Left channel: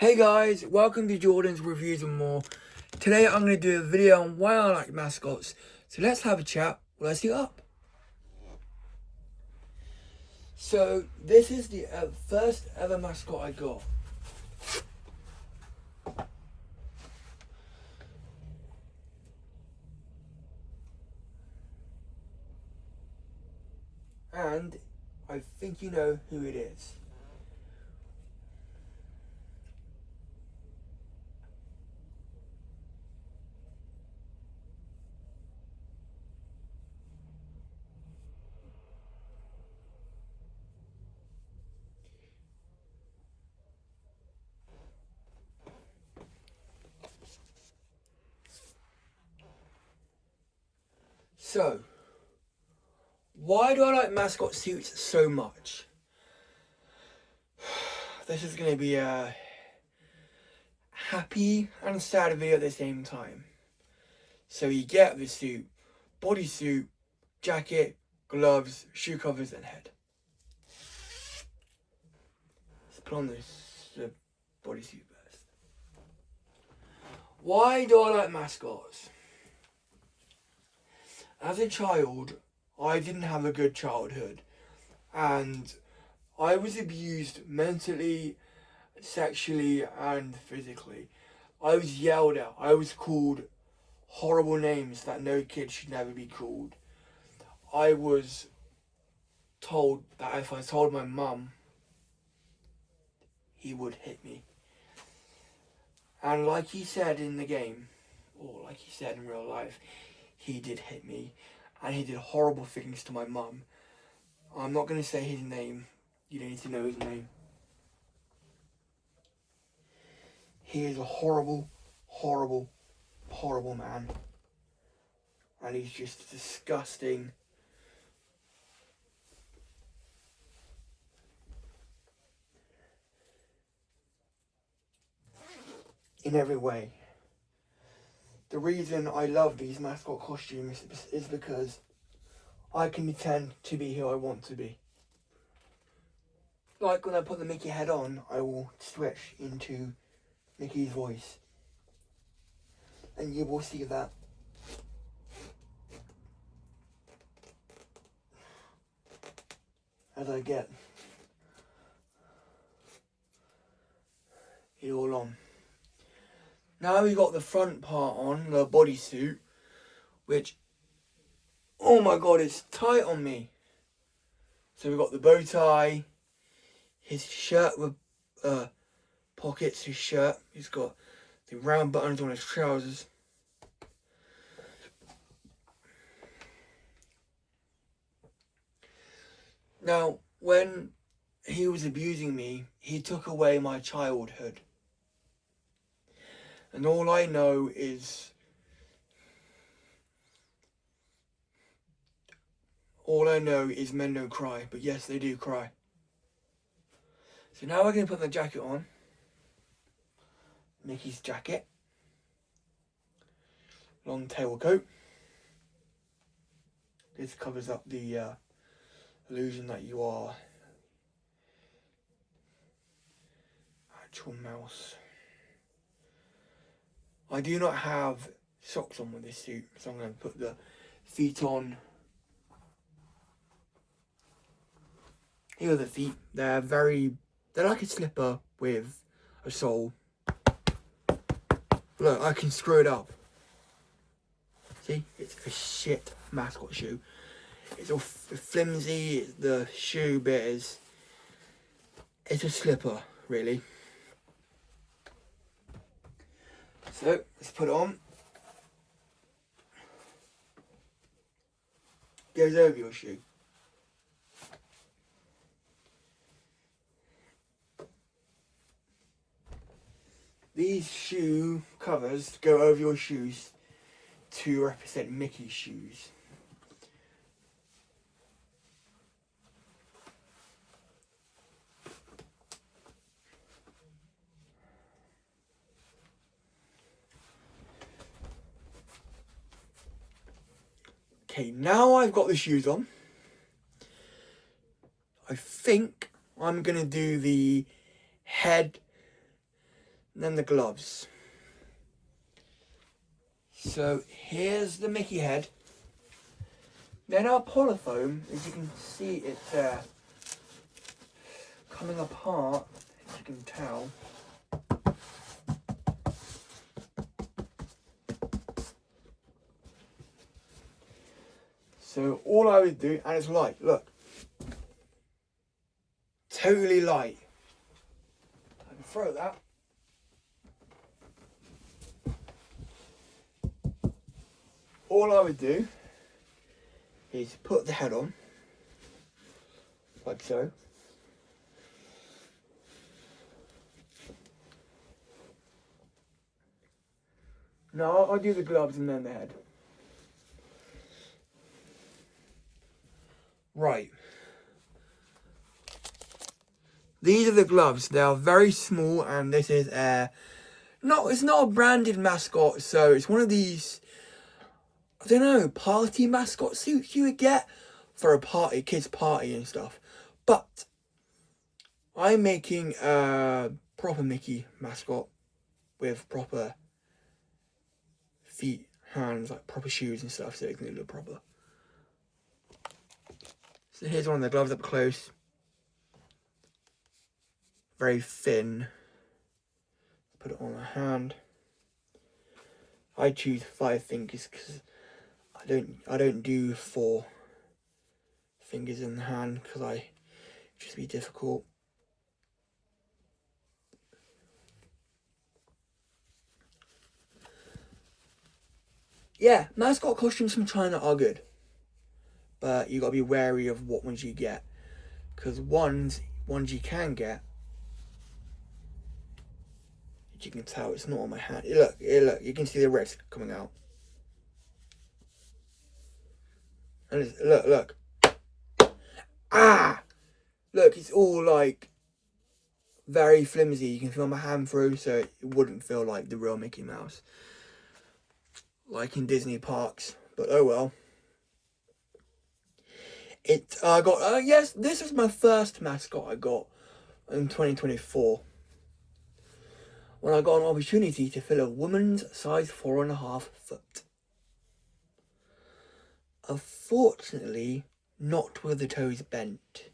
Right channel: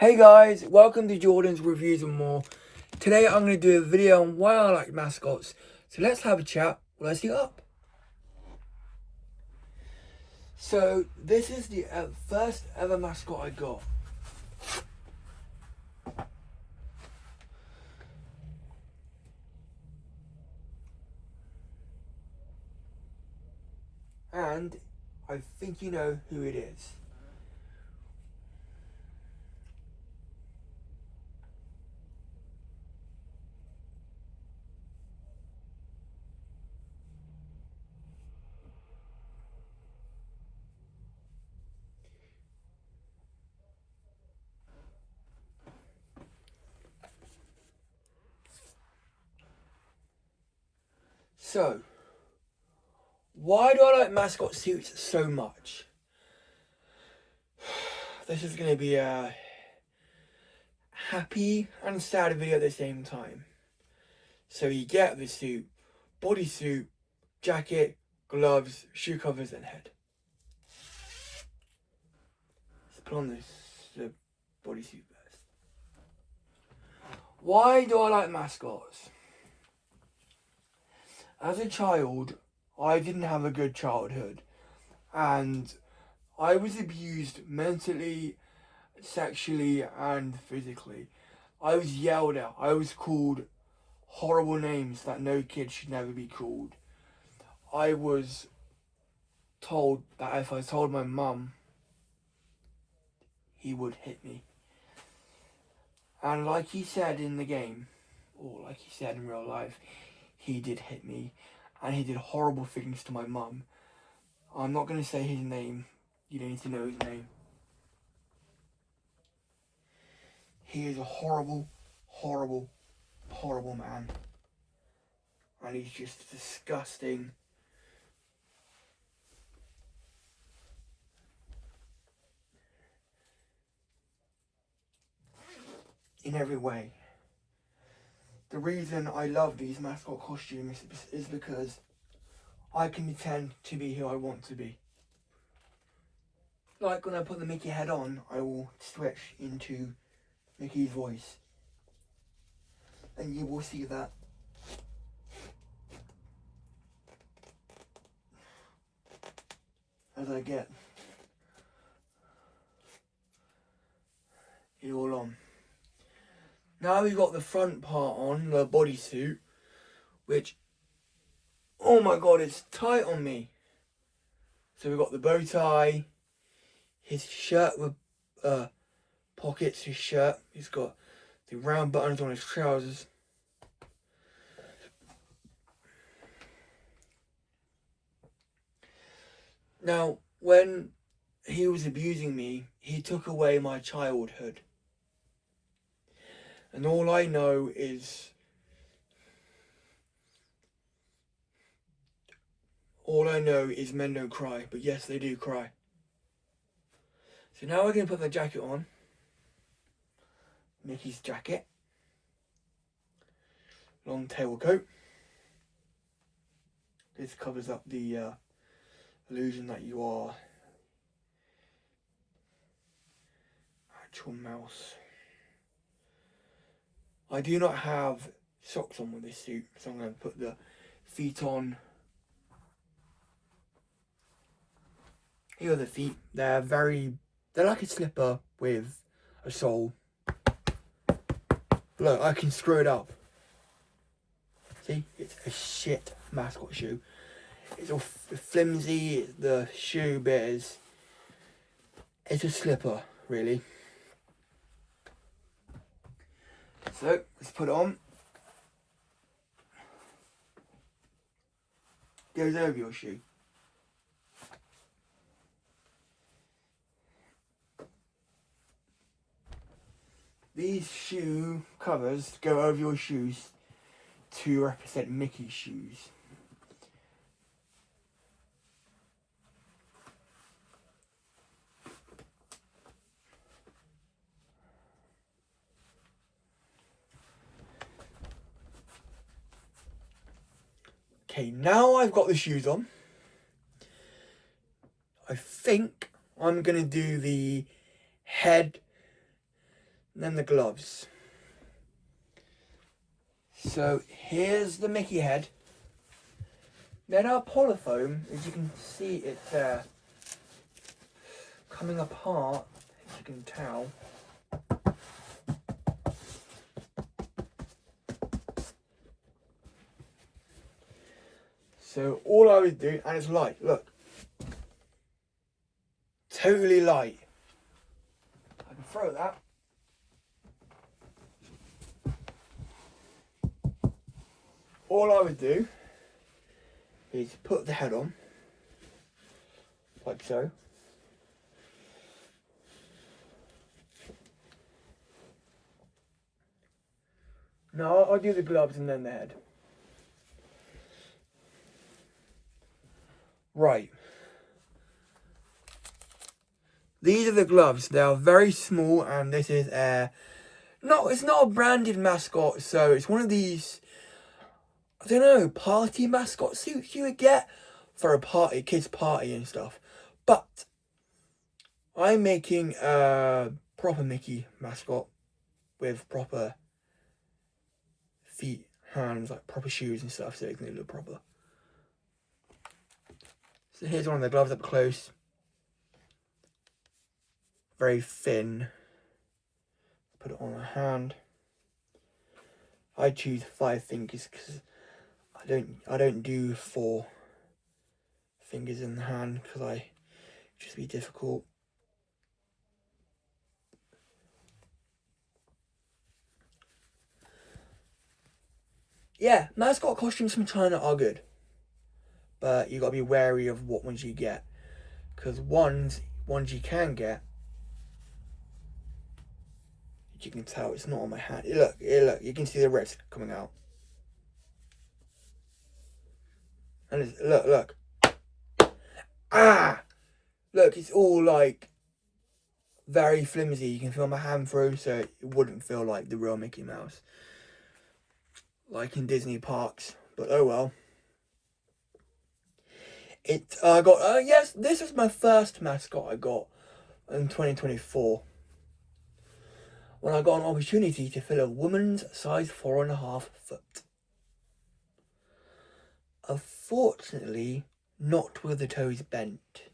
Hey guys, welcome to Jordan's Reviews and More. Today I'm going to do a video on why I like mascots. So let's have a chat. Let's see up. So this is the first ever mascot I got. And I think you know who it is. So, why do I like mascot suits so much? This is going to be a happy and sad video at the same time. So you get the suit, bodysuit, jacket, gloves, shoe covers and head. Let's put on the bodysuit first. Why do I like mascots? As a child, I didn't have a good childhood, and I was abused mentally, sexually, and physically. I was yelled at. I was called horrible names that no kid should never be called. I was told that if I told my mum, he would hit me. And like he said in the game, or like he said in real life, he did hit me, and he did horrible things to my mum. I'm not going to say his name. You don't need to know his name. He is a horrible, horrible, horrible man. And he's just disgusting. In every way. The reason I love these mascot costumes is because I can pretend to be who I want to be. Like when I put the Mickey head on, I will switch into Mickey's voice. And you will see that. As I get it all on. Now we've got the front part on, the bodysuit, which, oh my god, it's tight on me. So we've got the bow tie, his shirt with pockets, his shirt. He's got the round buttons on his trousers. Now, when he was abusing me, he took away my childhood. And all I know is men don't cry, but yes, they do cry. So now we're going to put the jacket on. Mickey's jacket. Long tail coat. This covers up the illusion that you are actual mouse. I do not have socks on with this suit, so I'm going to put the feet on. Here are the feet. They're like a slipper with a sole. Look, I can screw it up. See, it's a shit mascot shoe. It's all flimsy. The shoe bit it's a slipper, really. So let's put it on. Goes over your shoe. These shoe covers go over your shoes to represent Mickey's shoes. Okay, now I've got the shoes on. I think I'm going to do the head And then the gloves. So here's the Mickey head. Then our polyfoam, as you can see it coming apart, as you can tell. So all I would do, and it's light, look. Totally light. I can throw that. All I would do is put the head on, like so. No, I'll do the gloves and then the head. Right. These are the gloves. They are very small, and this is it's not a branded mascot, so it's one of these, I don't know, party mascot suits you would get for a party, kids party and stuff. But I'm making a proper Mickey mascot with proper feet, hands, like proper shoes and stuff, so it's gonna look proper. So here's one of the gloves up close. Very thin. Put it on a hand. I choose 5 fingers because I don't do 4 fingers in the hand because I just be difficult. Yeah, mascot costumes from China are good, but you gotta be wary of what ones you get, because ones you can get, as you can tell, it's not on my hand. Look, you can see the reds coming out. And it's, look. Ah! Look, it's all like very flimsy. You can feel my hand through, so it wouldn't feel like the real Mickey Mouse. Like in Disney parks, but oh well. Yes, this is my first mascot I got in 2024. When I got an opportunity to fill a woman's size 4.5 foot. Unfortunately, not with the toes bent.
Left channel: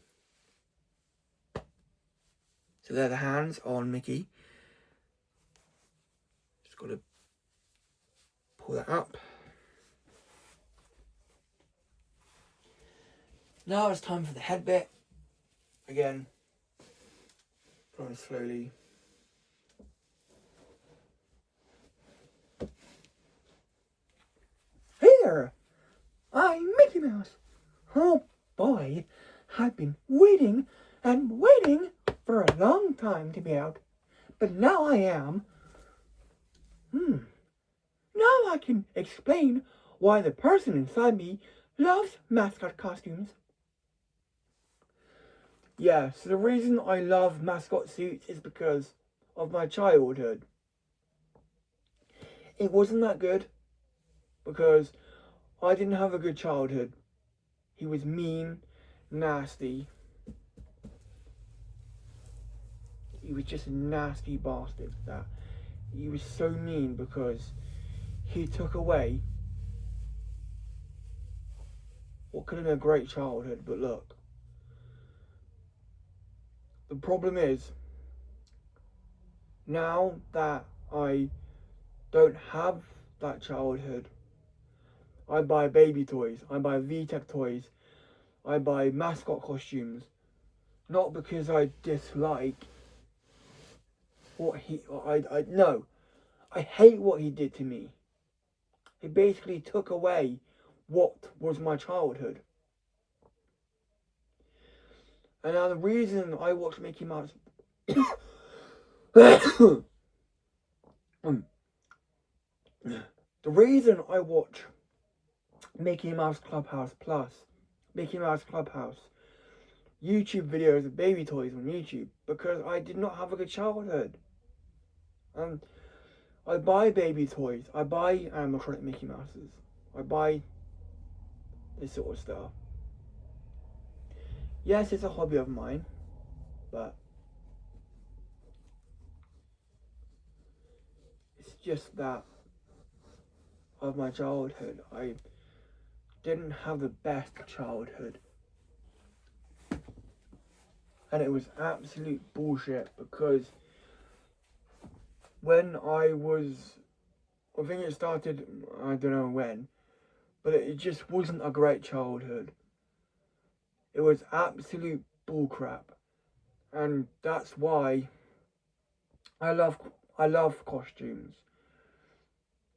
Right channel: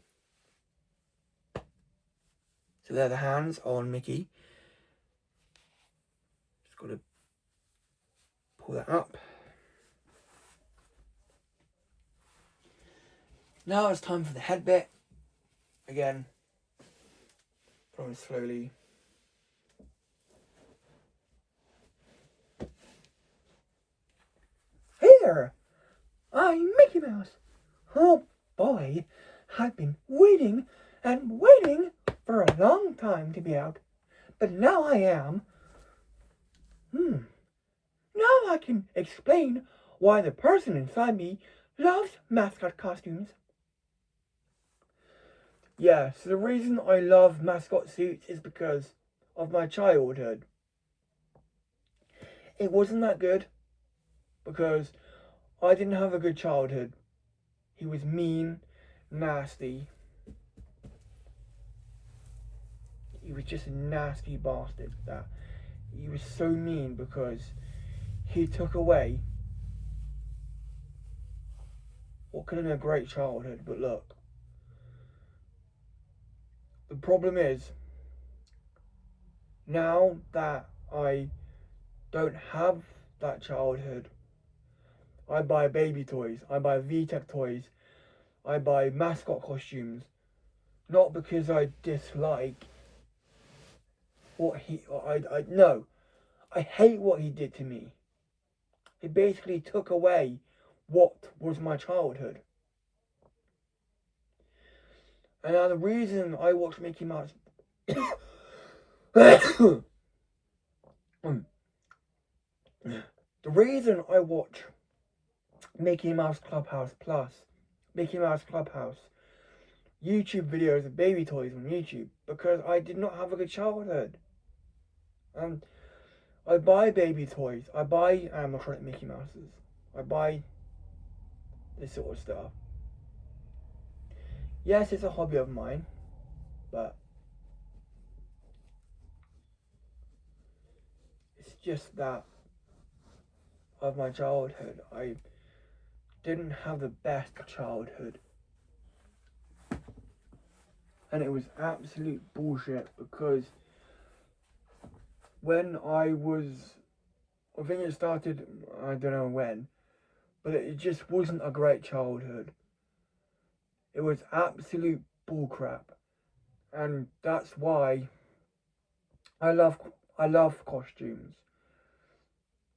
So there are the hands on Mickey. Just got to pull that up. Now it's time for the head bit. Again, going slowly. Hey there! I'm Mickey Mouse. Oh boy, I've been waiting and waiting for a long time to be out. But now I am. Now I can explain why the person inside me loves mascot costumes. Yeah, so the reason I love mascot suits is because of my childhood. It wasn't that good because I didn't have a good childhood. He was mean, nasty. He was just a nasty bastard. That he was so mean because he took away what could have been a great childhood. But look, the problem is now that I don't have that childhood, I buy baby toys, I buy VTech toys, I buy mascot costumes, not because I dislike what I hate what he did to me. He basically took away what was my childhood. And now the reason I watch Mickey Mouse the reason I watch Mickey Mouse Clubhouse Plus, Mickey Mouse Clubhouse, YouTube videos of baby toys on YouTube, because I did not have a good childhood. I buy baby toys, I buy animatronic Mickey Mouses, I buy this sort of stuff. Yes, it's a hobby of mine, but just that of my childhood. I didn't have the best childhood. And it was absolute bullshit because when I think it started, I don't know when, but it just wasn't a great childhood. It was absolute bullcrap. And that's why I love costumes.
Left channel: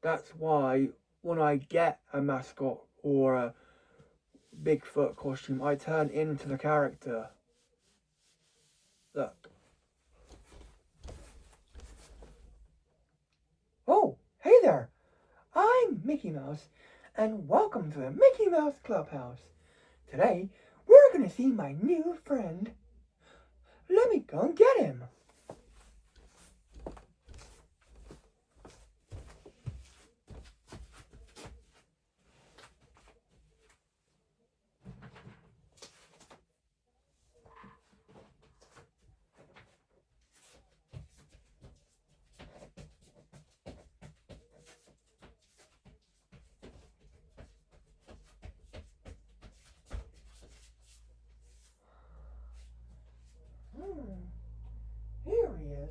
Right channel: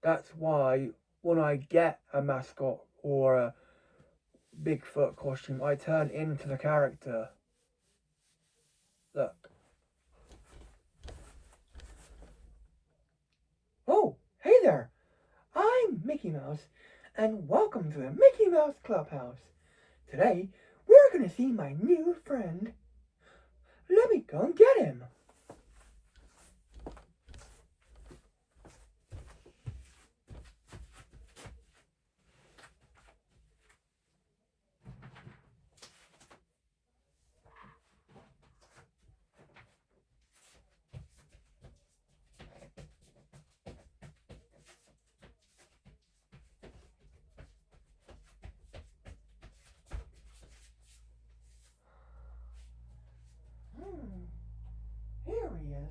That's why when I get a mascot or a Bigfoot costume, I turn into the character. Look. Oh, hey there! I'm Mickey Mouse, and welcome to the Mickey Mouse Clubhouse. Today, we're gonna see my new friend. Let me go and get him. Here he is.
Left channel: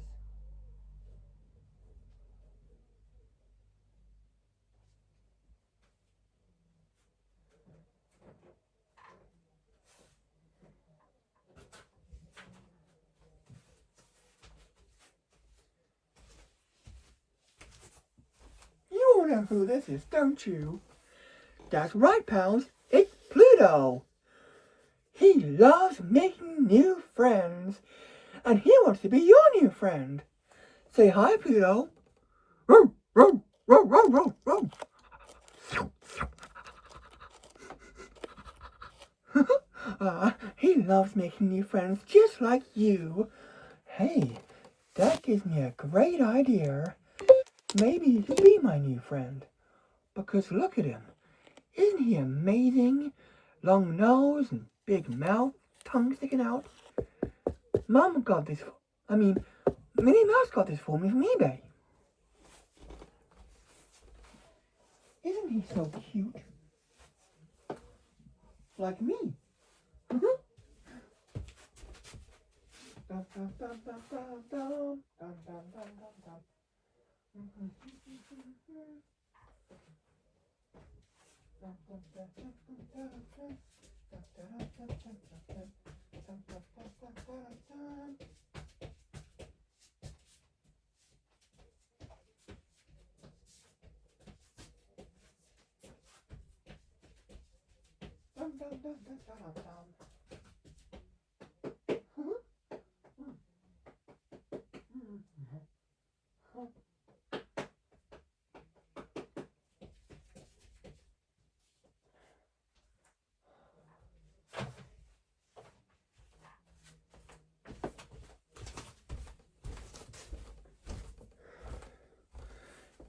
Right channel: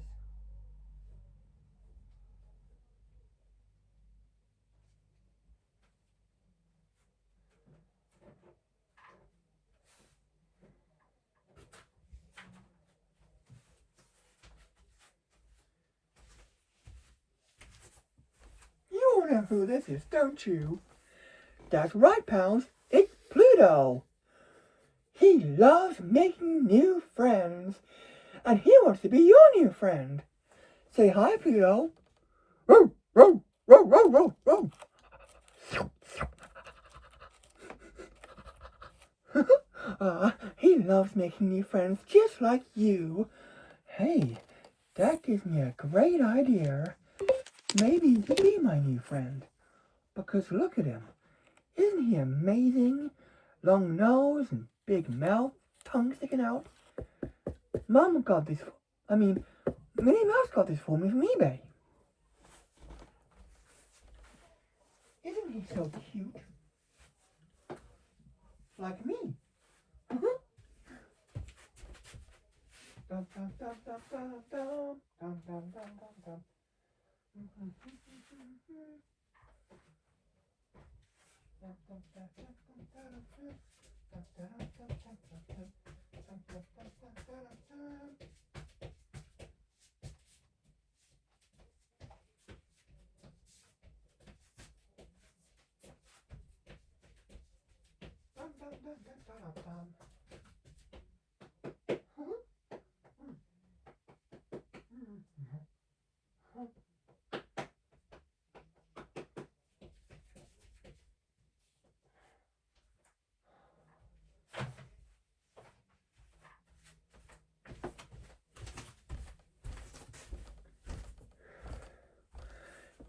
You all know who this is, don't you? That's right, pals. It's Pluto. He loves making new friends, and he wants to be your new friend. Say hi, Pluto. Row, row, row, row, row, row. He loves making new friends just like you. Hey, that gives me a great idea. Maybe you could be my new friend. Because look at him. Isn't he amazing? Long nose and big mouth, tongue sticking out. Minnie Mouse got this for me from eBay. Isn't he so cute? Like me. Dum, dum, dum, dum, dum, dum, dum, dum, dum, dum, dum.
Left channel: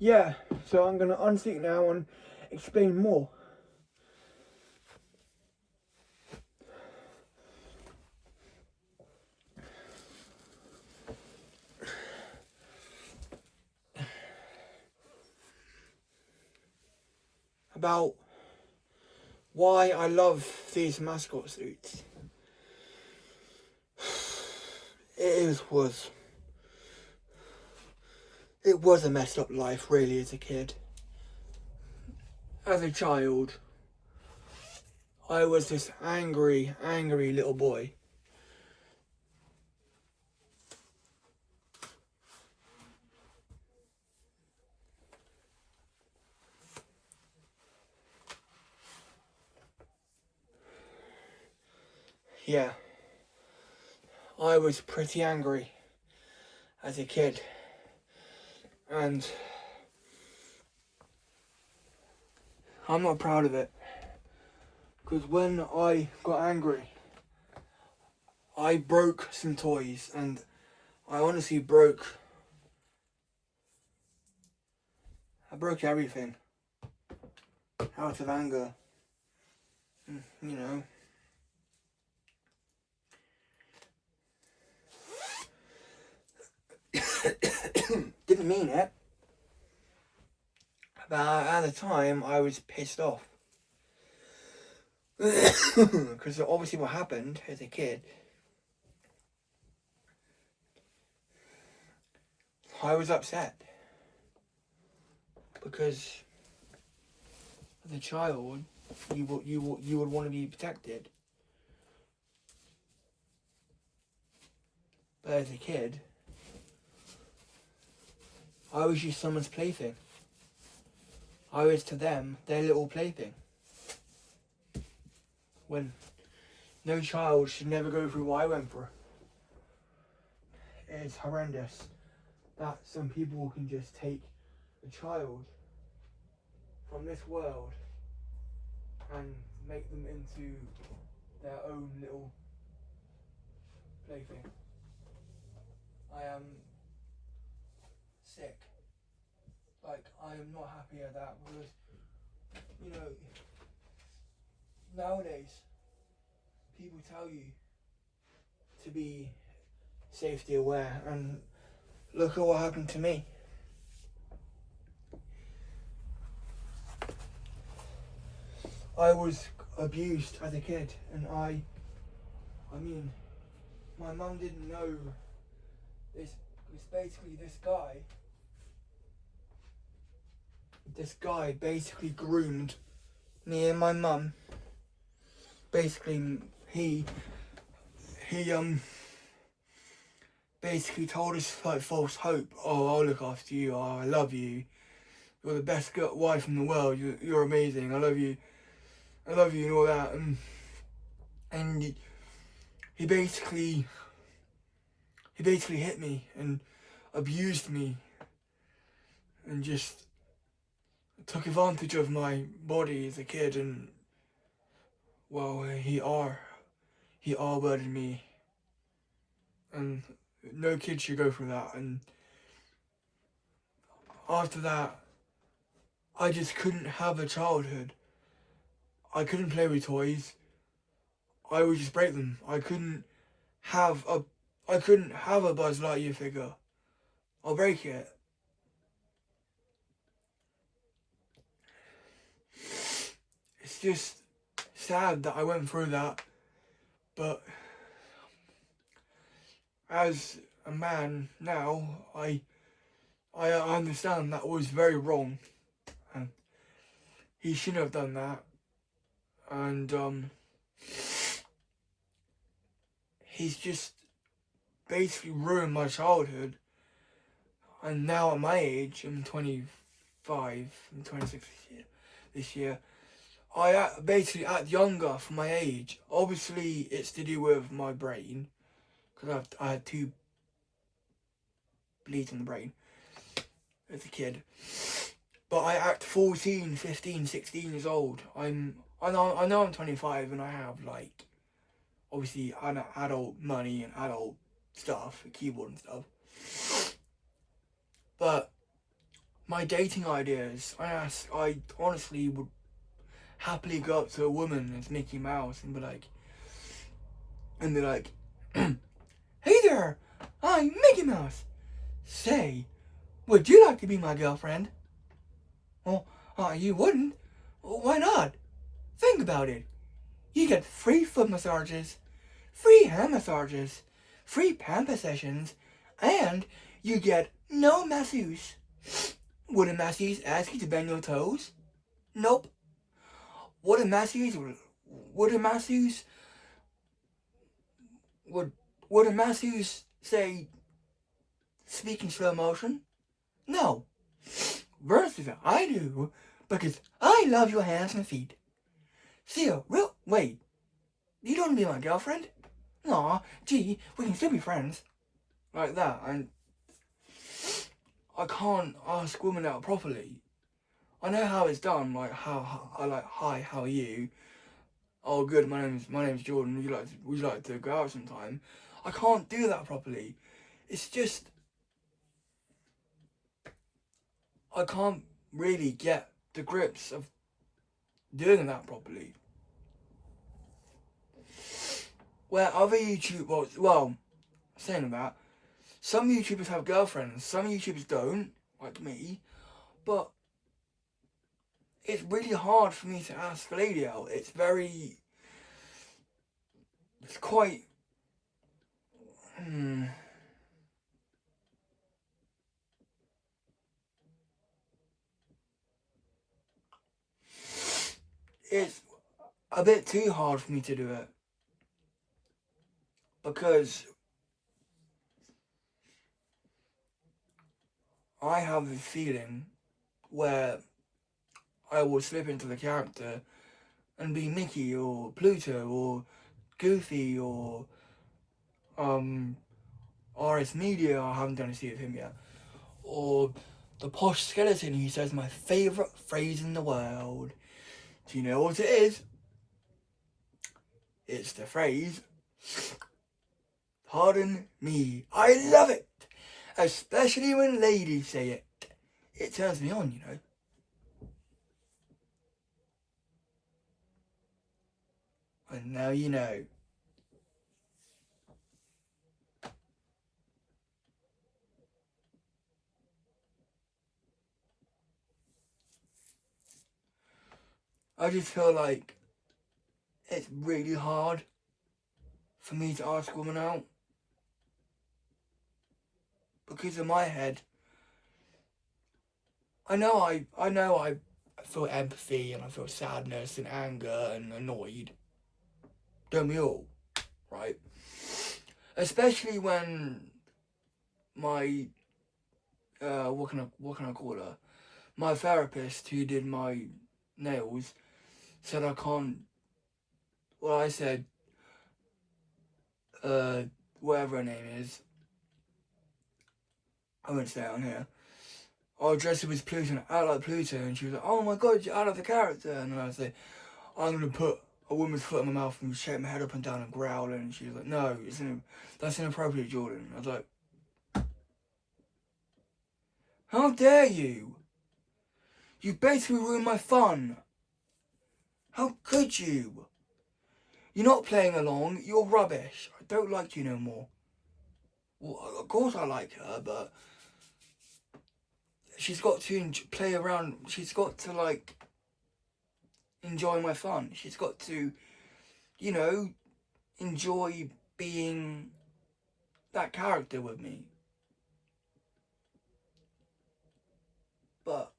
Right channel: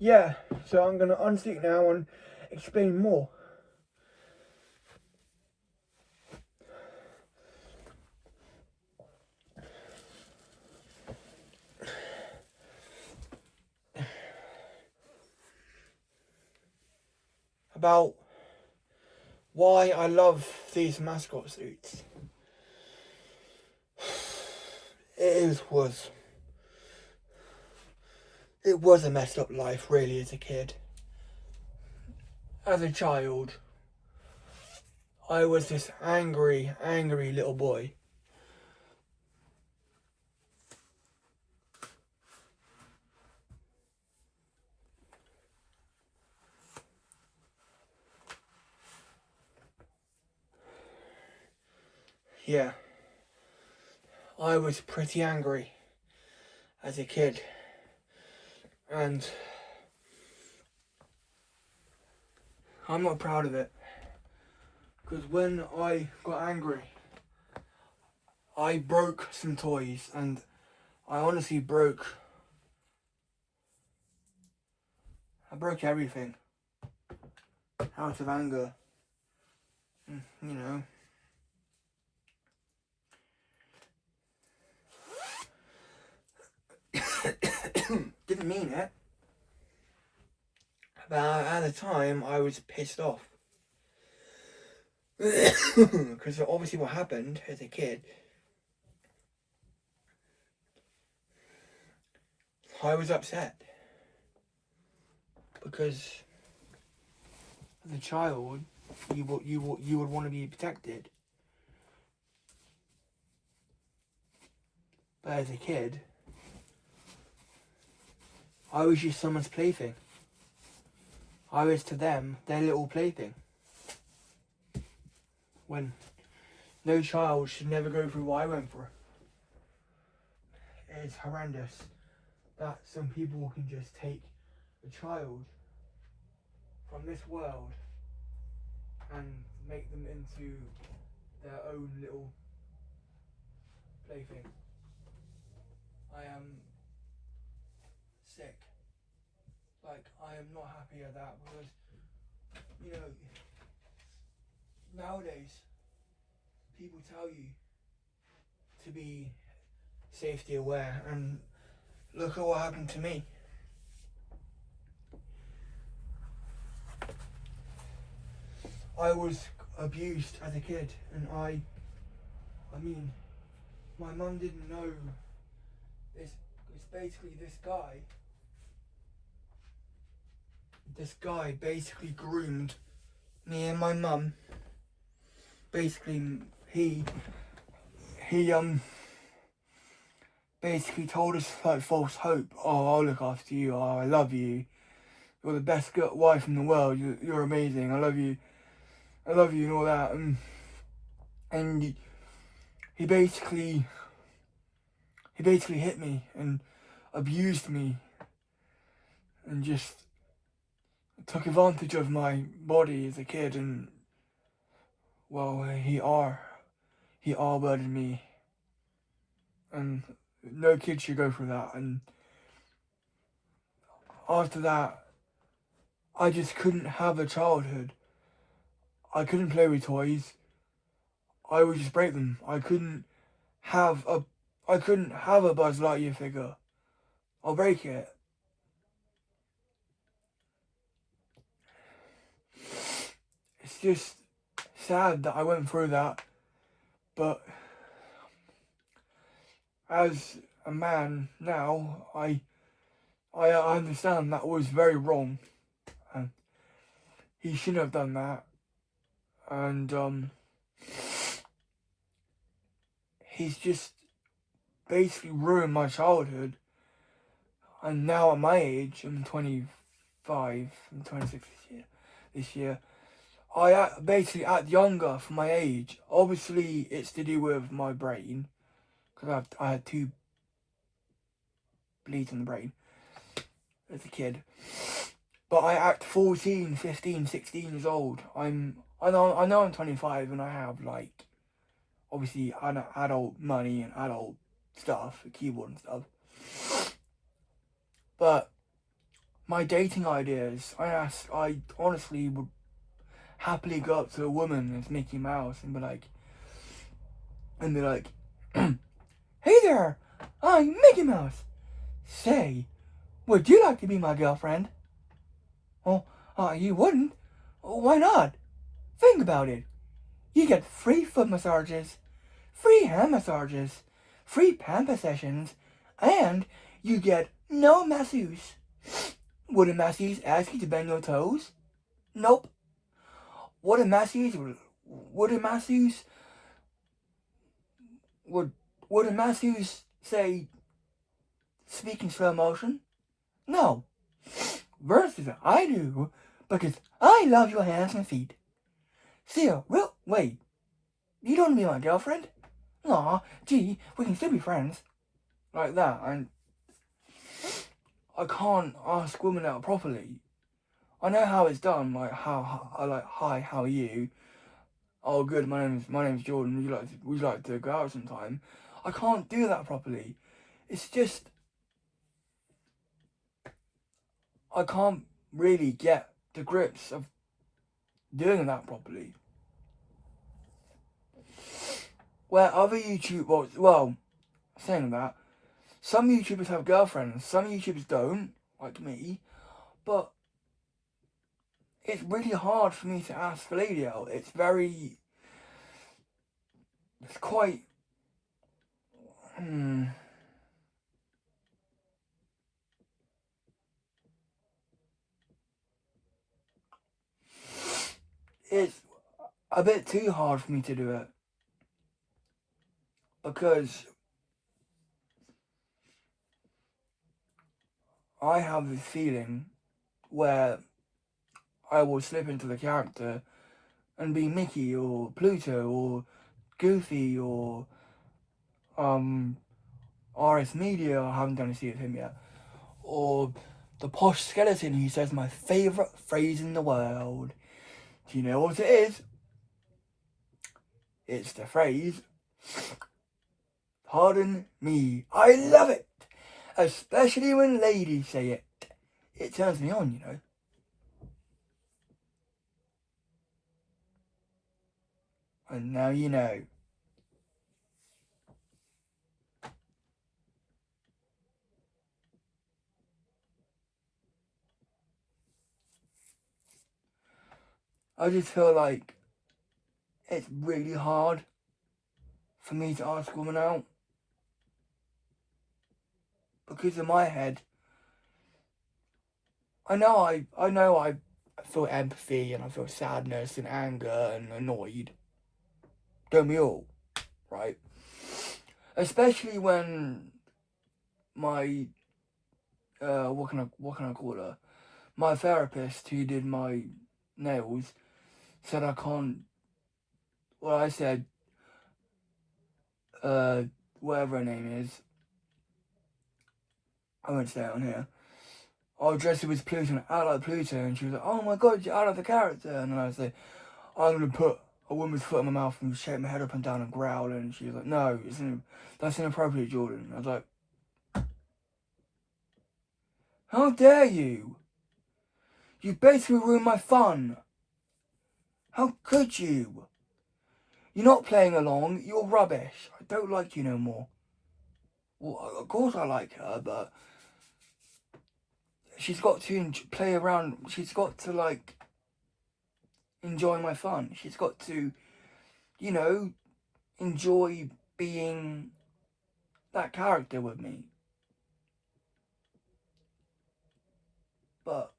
Yeah, so I'm going to unseat now and explain more. About why I love these mascot suits. It was a messed up life, really, as a kid. As a child, I was this angry little boy. Yeah, I was pretty angry as a kid. And I'm not proud of it. Because when I got angry, I broke some toys, and I honestly broke everything out of anger. You know. Didn't mean it. But at the time, I was pissed off. Because obviously what happened as a kid, I was upset. Because as a child, you would want to be protected. But as a kid, I was just someone's plaything. I was to them their little plaything. When no child should never go through what I went through. It's horrendous that some people can just take a child from this world and make them into their own little plaything. I am sick. Like, I am not happy at that because, you know, nowadays, people tell you to be safety aware, and look at what happened to me. I was abused as a kid, and I mean, my mum didn't know this. It's basically this guy basically groomed me and my mum. Basically, he basically told us like false hope. Oh, I'll look after you. Oh, I love you. You're the best wife in the world. You're amazing. I love you, and all that. And he basically hit me and abused me and just took advantage of my body as a kid, and well, he R-worded me, and no kid should go through that. And after that, I just couldn't have a childhood. I couldn't play with toys. I would just break them. I couldn't have a Buzz Lightyear figure. I'll break it. It's just sad that I went through that, but as a man now, I understand that was very wrong, and he shouldn't have done that, and he's just basically ruined my childhood. And now at my age, I'm 25, I'm 26 this year, I basically act younger for my age. Obviously, it's to do with my brain, because I had 2 bleeds in the brain as a kid. But I act 14, 15, 16 years old. I know I'm 25 and I have, like, obviously adult money and adult stuff, a keyboard and stuff. But my dating ideas, I honestly would happily go up to a woman as Mickey Mouse and be like, hey there, I'm Mickey Mouse. Say, would you like to be my girlfriend? Oh, you wouldn't? Why not? Think about it. You get free foot massages, free hand massages, free pamper sessions, and you get no masseuse. Would a masseuse ask you to bend your toes? Nope. Would a masseuse say speak in slow motion? No. Versus I do, because I love your hands and feet. See, wait, you don't want to be my girlfriend? Aw, gee, we can still be friends. Like that, and I can't ask women out properly. I know how it's done, like hi, how are you? Oh, good, my name's Jordan. Would you like to go out sometime? I can't do that properly. It's just I can't really get the grips of doing that properly. Where other YouTubers, saying that, some YouTubers have girlfriends, some YouTubers don't, like me, but it's really hard for me to ask a lady out. It's quite, it's a bit too hard for me to do it. Because I have this feeling where I will slip into the character and be Mickey or Pluto or Goofy or RS Media. I haven't done a scene with him yet. Or the posh skeleton who says my favourite phrase in the world. Do you know what it is? It's the phrase, pardon me. I love it! Especially when ladies say it. It turns me on, you know. And now you know. I just feel like it's really hard for me to ask a woman out. Because in my head, I know I feel empathy and I feel sadness and anger and annoyed. Don't we all? Right? Especially when my what can I call her? My therapist who did my nails said I can't. Well, I said whatever her name is. I won't say it on here. I'll dress her as Pluto, out like Pluto, and she was like, "Oh my god, you're out of the character." And then I say, "I'm gonna put a woman's foot in my mouth and shake my head up and down and growl." And she was like, "No, that's inappropriate, Jordan." And I was like, "How dare you? You basically ruined my fun. How could you? You're not playing along. You're rubbish. I don't like you no more." Well, of course I like her, but she's got to play around. She's got to, like, enjoy my fun. She's got to, you know, enjoy being that character with me. But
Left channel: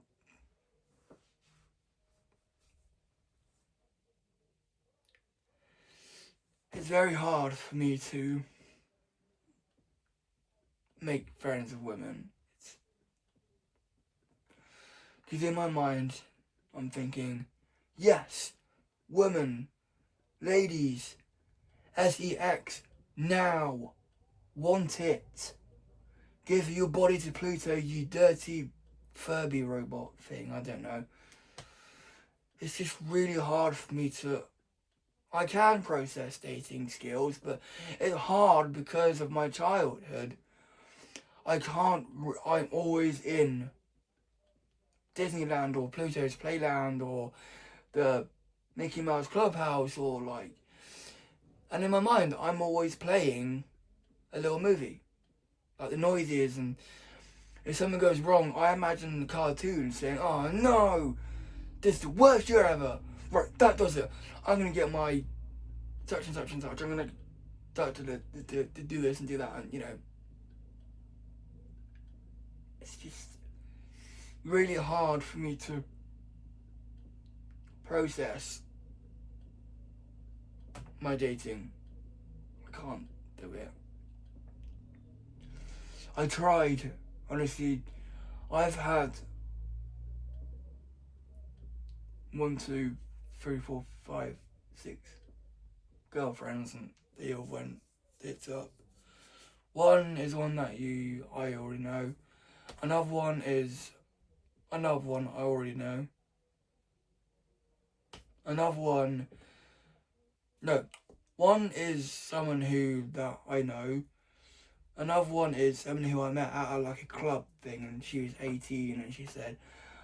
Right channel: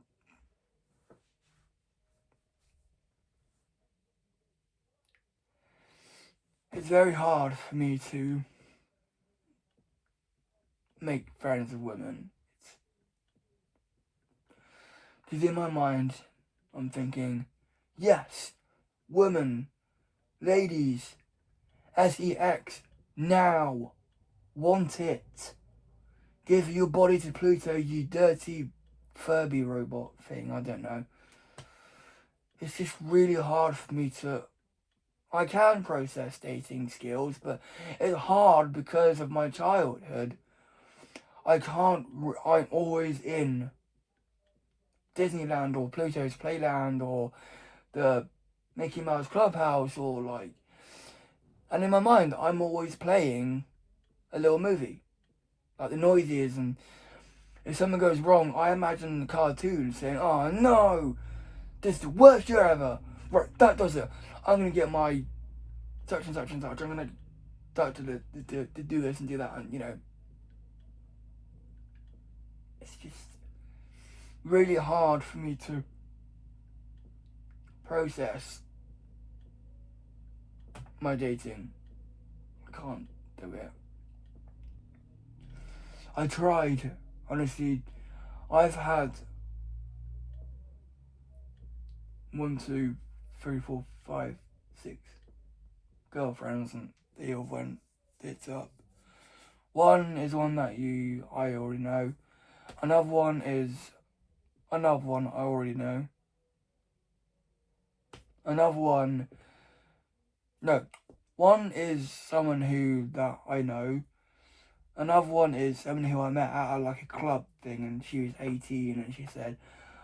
it's very hard for me to make friends with women. Because in my mind, I'm thinking, yes, women, ladies, sex, now, want it. Give your body to Pluto, you dirty Furby robot thing, I don't know. It's just really hard for me to... I can process dating skills, but it's hard because of my childhood. I'm always in Disneyland or Pluto's Playland or the Mickey Mouse Clubhouse or like... And in my mind, I'm always playing a little movie. Like the noises, and if something goes wrong, I imagine the cartoon saying, "Oh no, this is the worst year ever. Right, that does it. I'm going to get my such and such and such. I'm going to start to do this and do that." And, you know, it's just really hard for me to process my dating. I can't do it. I tried, honestly. I've had 1, 2, 3, 4, 5, 6 girlfriends, and they all went tits up. One is one that I already know. Another one I already know. One is someone that I know. Another one is someone who I met at like a club thing, and she was 18, and she said,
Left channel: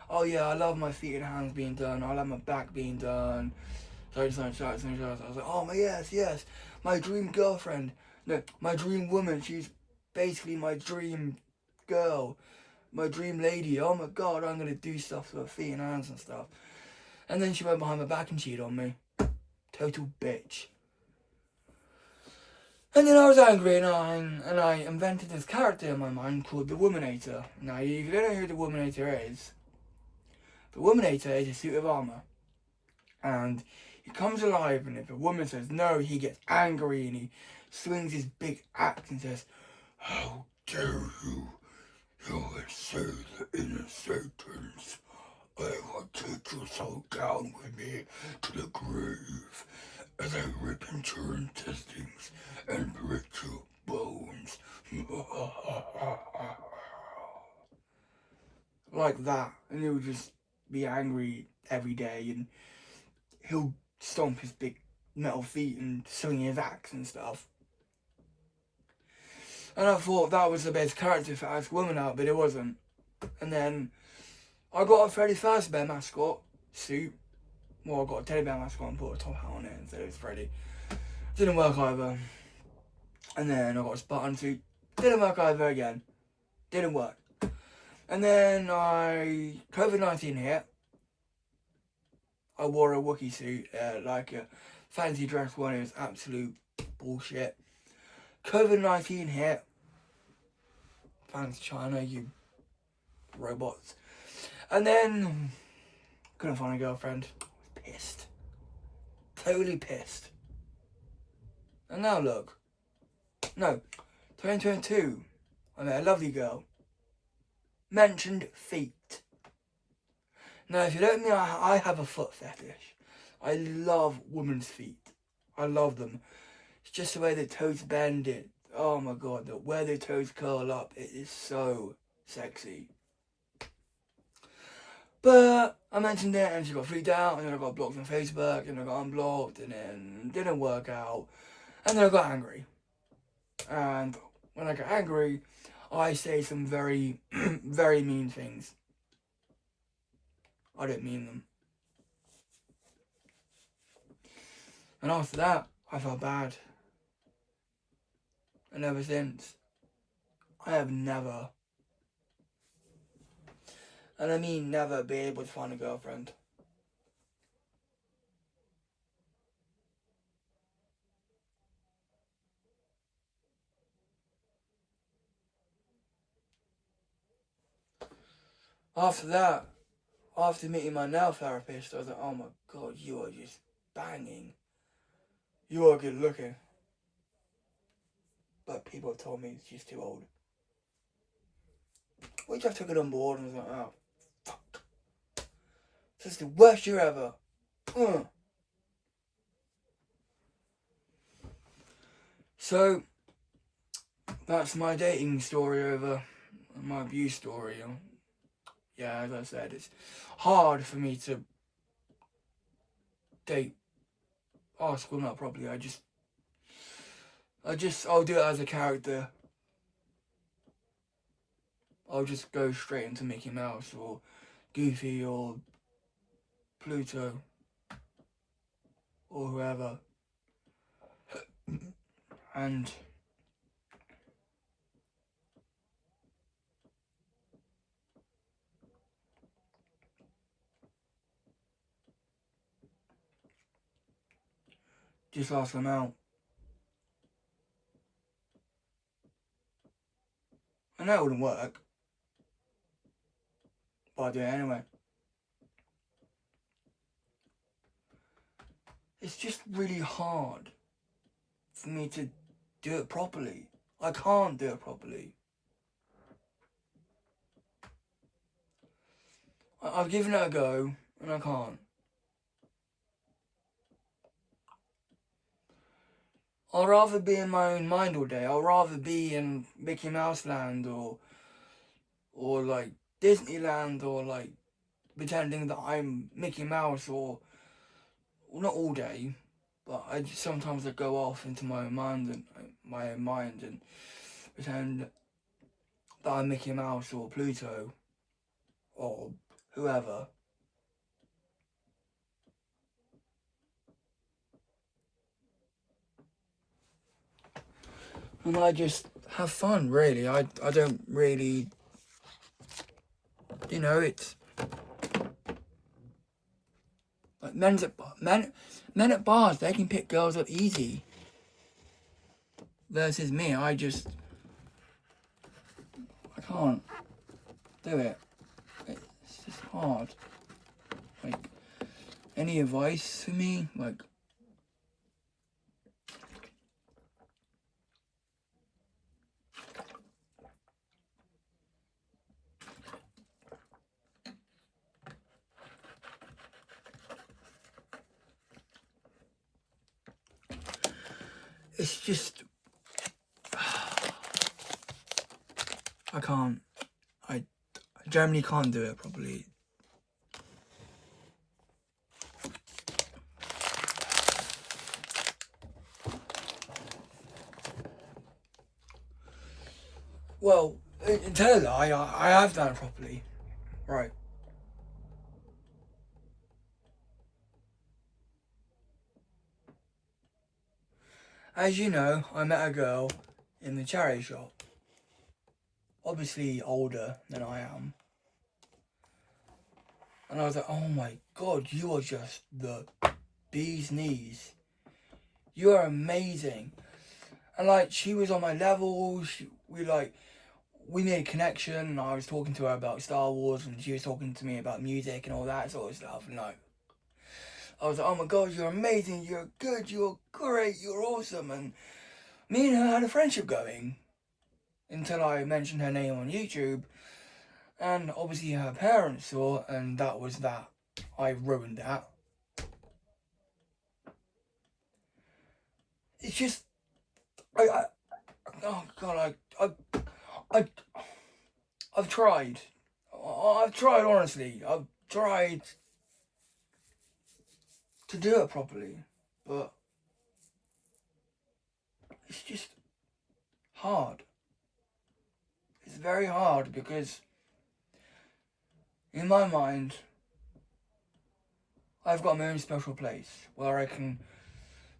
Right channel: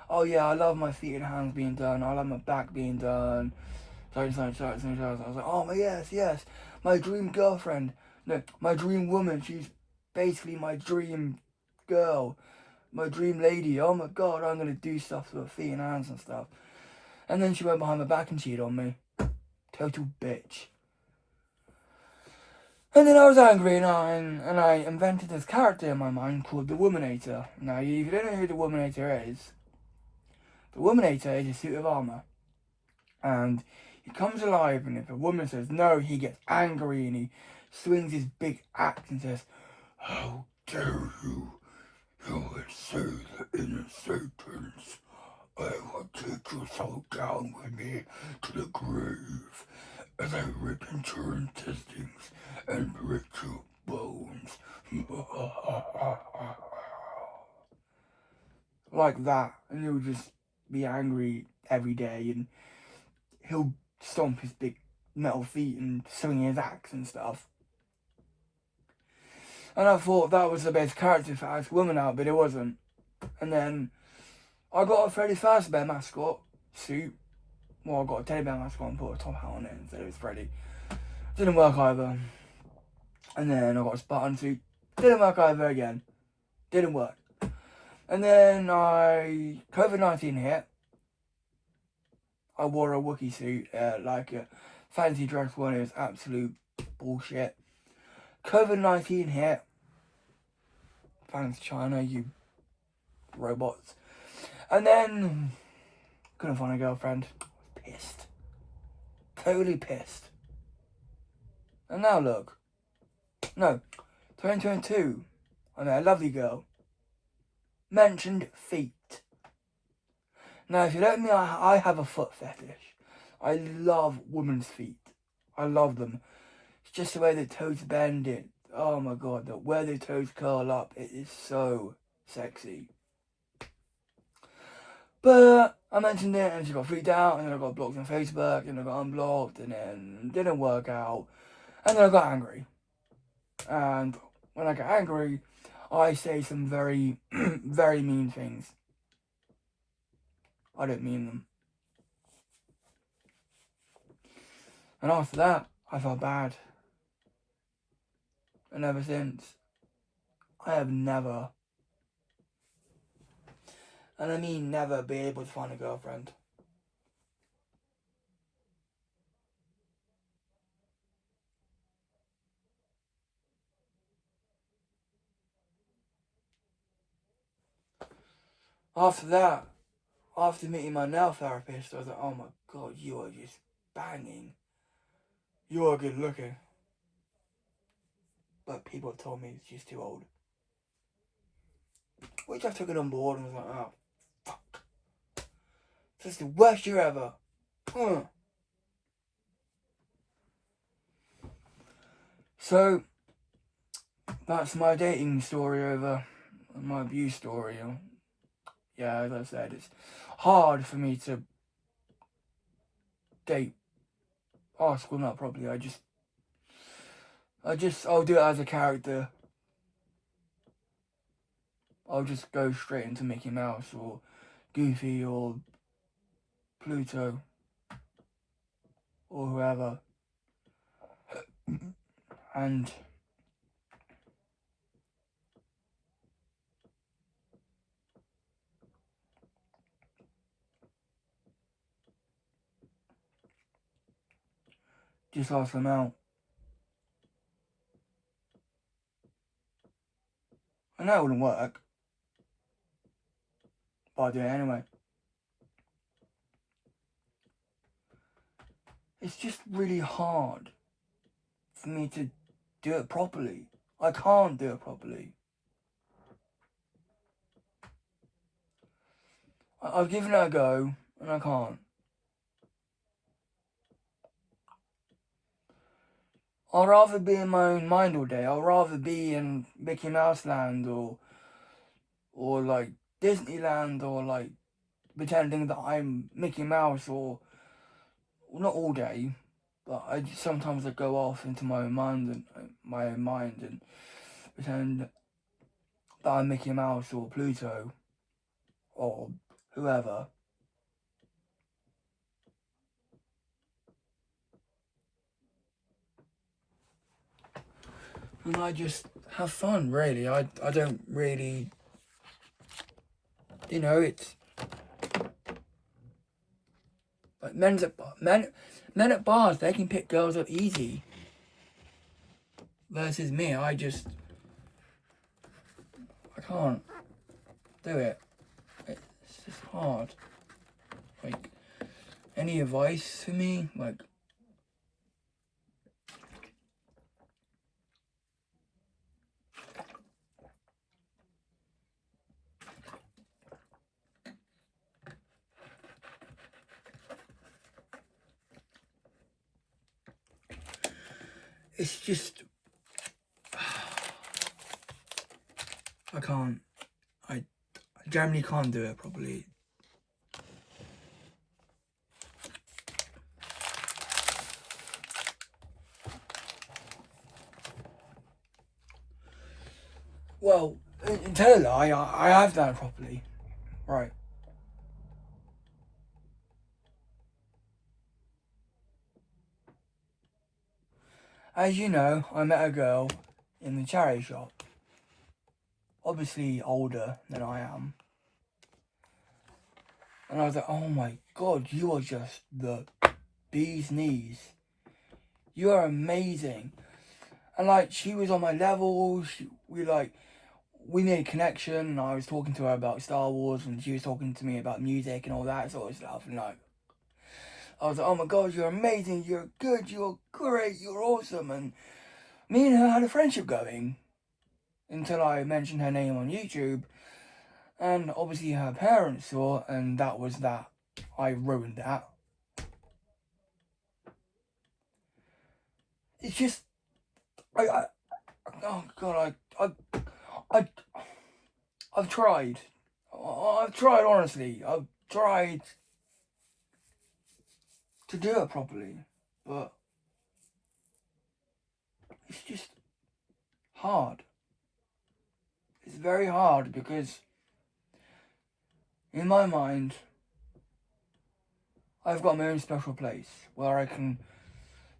"Oh yeah, I love my feet and hands being done. I love my back being done." So I was like, "Oh my yes, my dream girlfriend. No, my dream woman. She's basically my dream girl, my dream lady. Oh my god, I'm gonna do stuff to her feet and hands and stuff." And then she went behind my back and cheated on me. Total bitch. And then I was angry and I invented this character in my mind called the Woman-Hater. Now, if you don't know who the Woman-Hater is, the Woman-Hater is a suit of armour. And he comes alive, and if a woman says no, he gets angry and he swings his big axe and says, "How dare you! You would say the inner Satans. I will take your soul down with me to the grave as I rip into your intestines and break your bones." Like that. And he'll just be angry every day, and he'll stomp his big metal feet and swing his axe and stuff. And I thought that was the best character for Ask Woman out, but it wasn't. And then I got a Freddy Fazbear mascot suit. Well, I got a teddy bear mascot and put a top hat on it and said it was Freddy. Didn't work either. And then I got a Spartan suit. Didn't work either again. Didn't work. And then COVID-19 hit. I wore a Wookiee suit, like a fancy dress one. It was absolute bullshit. COVID-19 hit. Thanks China, you robots. And then couldn't find a girlfriend. Pissed. Totally pissed. And now look. No. 2022. I met a lovely girl. Mentioned feet. Now, if you don't know me, I have a foot fetish. I love women's feet. I love them. It's just the way the toes bend it. Oh my god, where the toes curl up, it is so sexy. But I mentioned it and she got freaked out, and then I got blocked on Facebook, and I got unblocked, and then it didn't work out. And then I got angry. And when I get angry, I say some very, very mean things. I don't mean them. And after that, I felt bad. And ever since, I have never, and I mean never, been able to find a girlfriend. After that, after meeting my nail therapist, I was like, oh my god, you are just banging. You are good looking. But people have told me it's just too old. Which I took it on board and was like, oh, fuck. This is the worst year ever. So, that's my dating story over, my abuse story. Yeah, as I said, it's hard for me to date Ask Women Out properly. I'll do it as a character. I'll just go straight into Mickey Mouse or Goofy or Pluto or whoever. And just ask them out. And that wouldn't work. But I do it anyway. It's just really hard for me to do it properly. I can't do it properly. I've given it a go, and I can't. I'd rather be in my own mind all day. I'd rather be in Mickey Mouse Land or like Disneyland, or like pretending that I'm Mickey Mouse, or well, not all day, but sometimes I go off into my own mind and pretend that I'm Mickey Mouse or Pluto or whoever. And I just have fun, really. I don't really, it's Like men at bars, they can pick girls up easy. Versus me, I can't do it. It's just hard. Like, any advice for me? Like, it's just, I can't. I generally can't do it properly. Well, tell a lie, I have done it properly. Right. As you know, I met a girl in the charity shop. Obviously older than I am. And I was like, oh my god, you are just the bee's knees. You are amazing. And like, she was on my level, we made a connection, and I was talking to her about Star Wars, and she was talking to me about music and all that sort of stuff, and like, I was like, oh my god, you're amazing, you're good, you're great, you're awesome, and me and her had a friendship going, until I mentioned her name on YouTube, and obviously her parents saw, and that was that. I ruined that. It's just, oh god, I've tried. I've tried, honestly. I've tried to do it properly, but it's just hard. It's very hard because in my mind, I've got my own special place where I can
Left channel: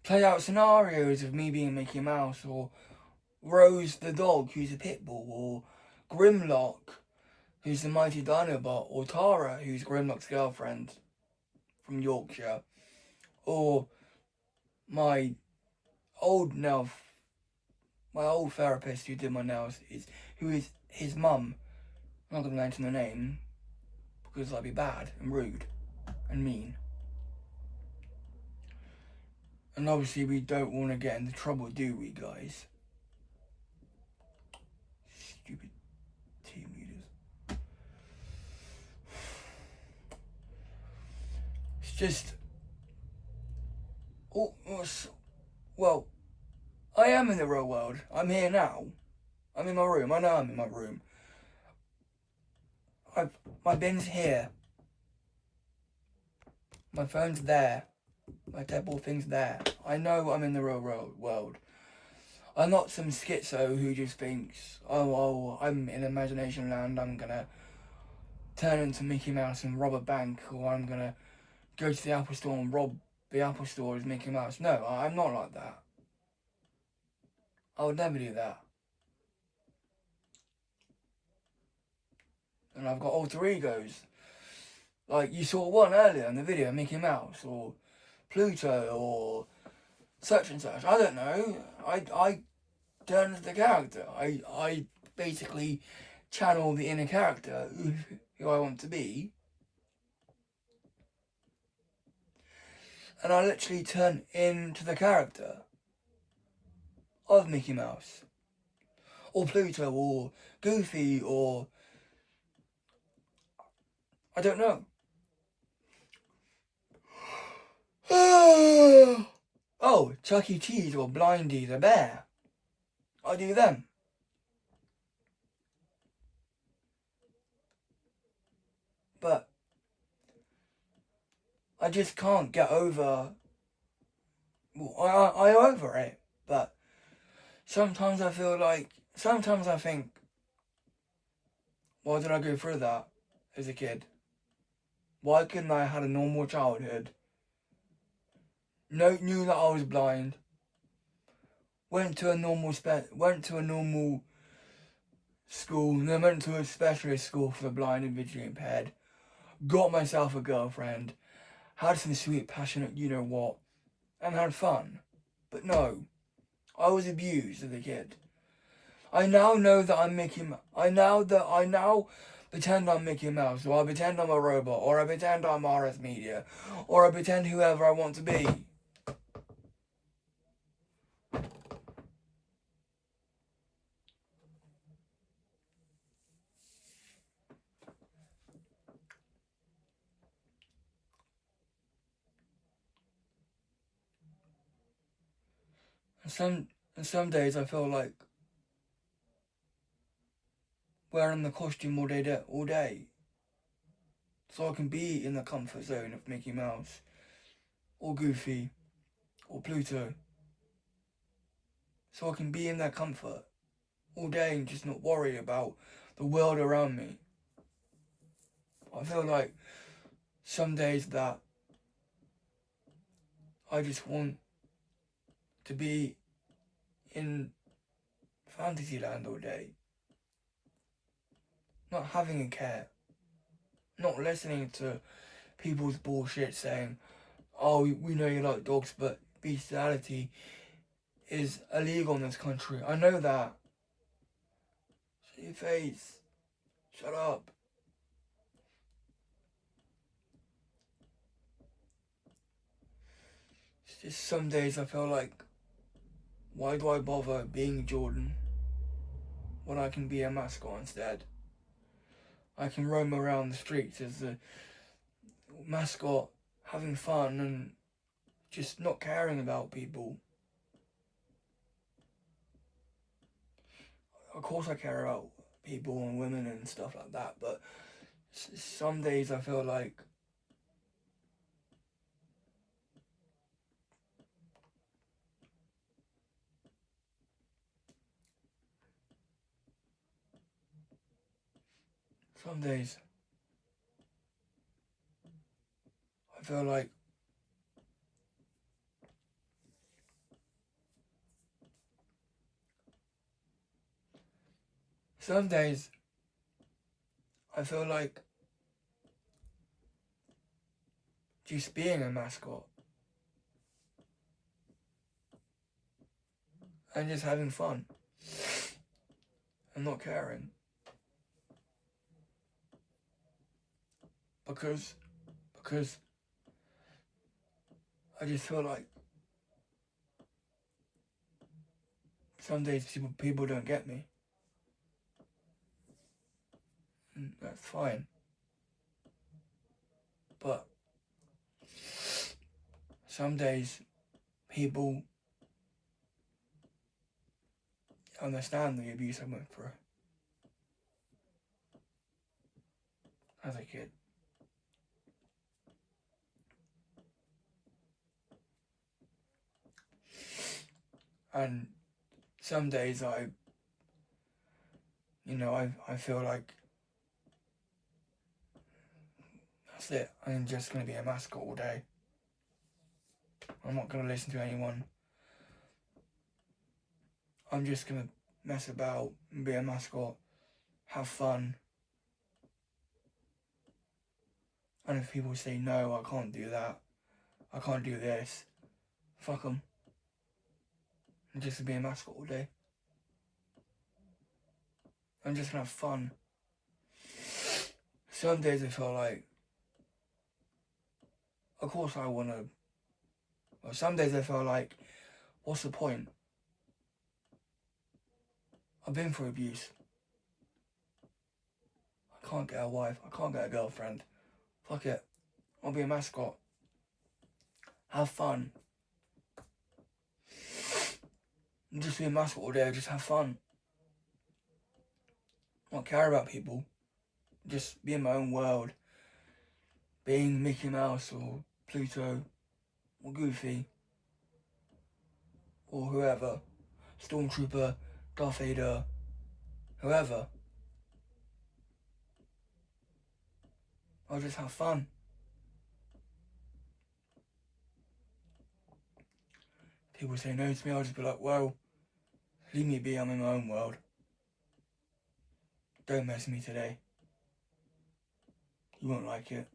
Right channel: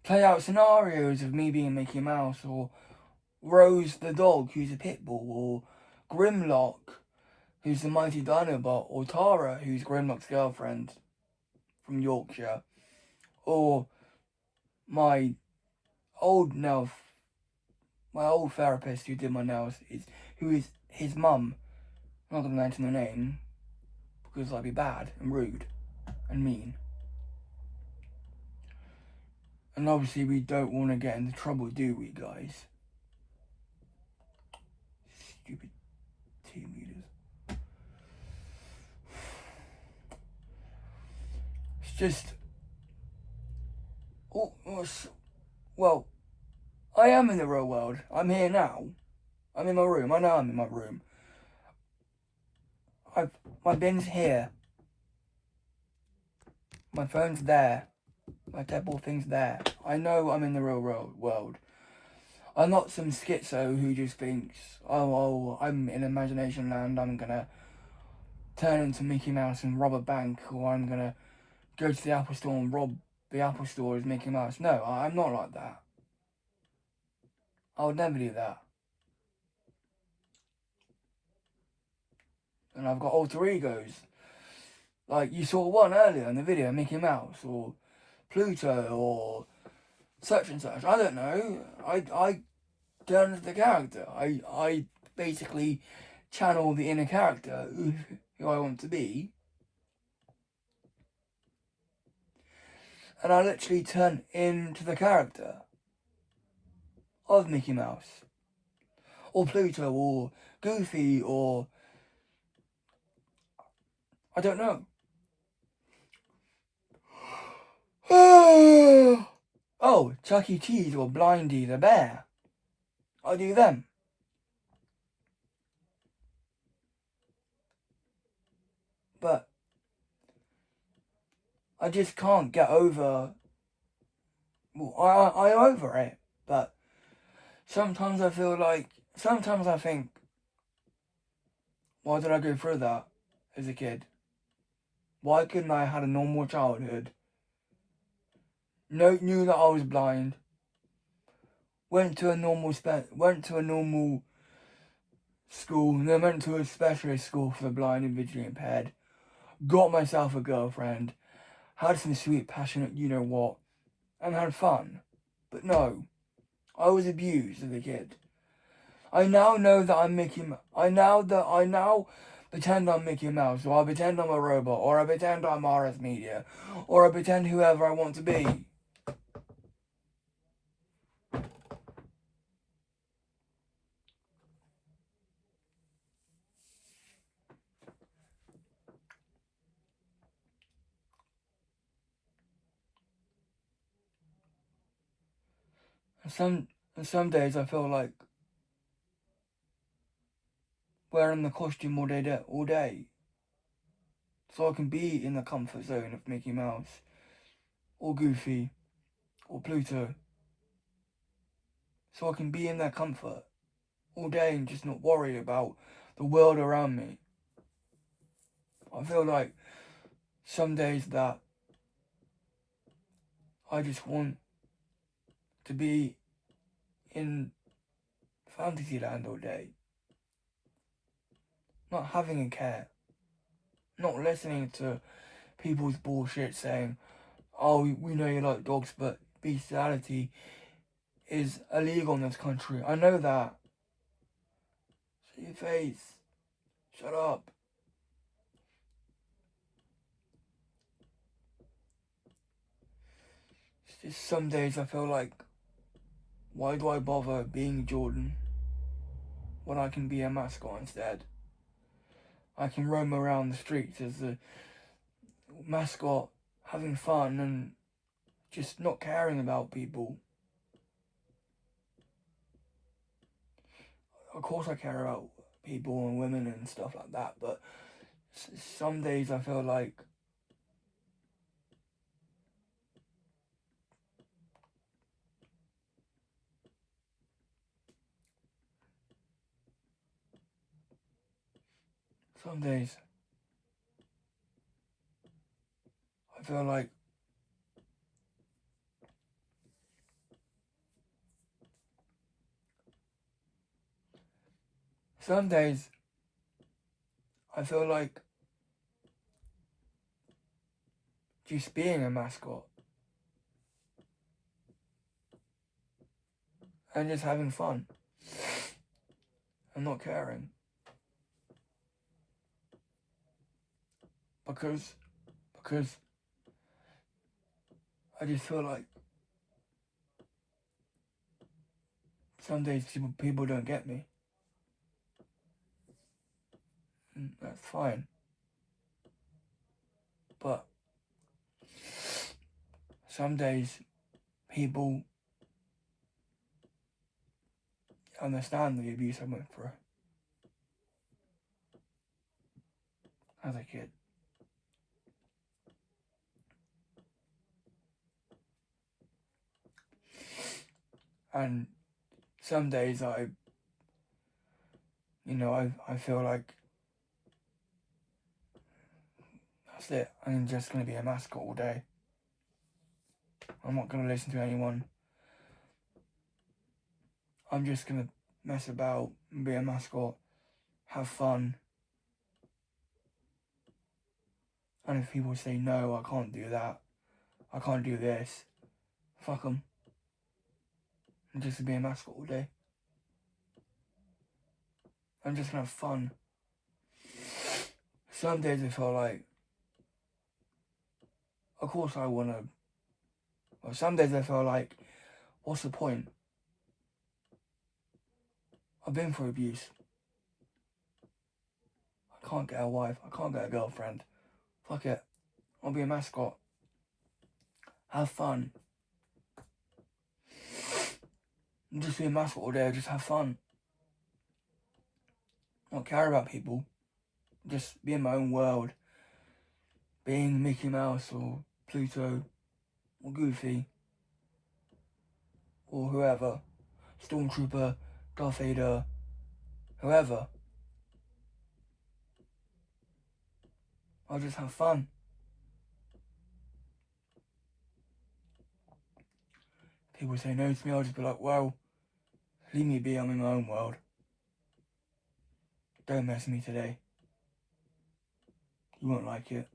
play out scenarios of me being Mickey Mouse, or Rose the dog, who's a pit bull, or Grimlock, who's the mighty Dinobot, or Tara, who's Grimlock's girlfriend from Yorkshire, or my old therapist who did my nails, who is his mum. I'm not going to mention the name because I'd be bad and rude and mean. And obviously we don't want to get into trouble, do we, guys? Stupid team leaders. It's just... well, I am in the real world. I'm here now. I'm in my room. I know I'm in my room. My bin's here. My phone's there. My table thing's there. I know I'm in the real world. I'm not some schizo who just thinks, oh, I'm in imagination land, I'm gonna turn into Mickey Mouse and rob a bank, or I'm gonna go to the Apple Store and rob the Apple Store as Mickey Mouse. No, I'm not like that. I would never do that. And I've got alter egos. Like, you saw one earlier in the video, Mickey Mouse, or Pluto, or such and such. I don't know. I turn into the character. I basically channel the inner character, who I want to be. And I literally turn into the character of Mickey Mouse, or Pluto, or Goofy, or... I don't know. Oh, Chuck E. Cheese or Blindy the bear. I do them. But I just can't get over... Well, I'm over it, but sometimes I feel like... Sometimes I think, why did I go through that as a kid? Why couldn't I have had a normal childhood? Knew that I was blind. Went to a normal school, and then went to a specialist school for the blind and visually impaired. Got myself a girlfriend. had some sweet, passionate you-know-what, and had fun. But no, I was abused as a kid. I now know that I'm Mickey Mouse. I now pretend I'm Mickey Mouse, or I pretend I'm a robot, or I pretend I'm RS Media, or I pretend whoever I want to be. And some days I feel like wearing the costume all day, so I can be in the comfort zone of Mickey Mouse, or Goofy, or Pluto, so I can be in their comfort all day and just not worry about the world around me. I feel like some days that I just want to be in Fantasyland all day, not having a care, not listening to people's bullshit saying, oh, we know you like dogs, but bestiality is illegal in this country. I know that. Shut your face. Shut up. It's just some days I feel like, why do I bother being Jordan when I can be a mascot instead? I can roam around the streets as a mascot, having fun and just not caring about people. Of course I care about people and women and stuff like that, but some days I feel like some days I feel like some days I feel like just being a mascot and just having fun and not caring, because I just feel like some days people don't get me. And that's fine, but some days people understand the abuse I went through as a kid. And some days I feel like that's it. I'm just going to be a mascot all day. I'm not going to listen to anyone. I'm just going to mess about and be a mascot, have fun. And if people say, no, I can't do that, I can't do this, fuck them. I'm just going to be a mascot all day. I'm just going to have fun. Some days I feel like, of course I want to, well, some days I feel like, what's the point? I've been through abuse. I can't get a wife, I can't get a girlfriend. Fuck it, I'll be a mascot. Have fun. Just be a mascot all day, just have fun. Not care about people. Just be in my own world. Being Mickey Mouse or Pluto or Goofy or whoever. Stormtrooper, Darth Vader, whoever. I'll just have fun. People say no to me, I'll just be like, well, leave me be, I'm in my own world. Don't mess with me today. You won't like it.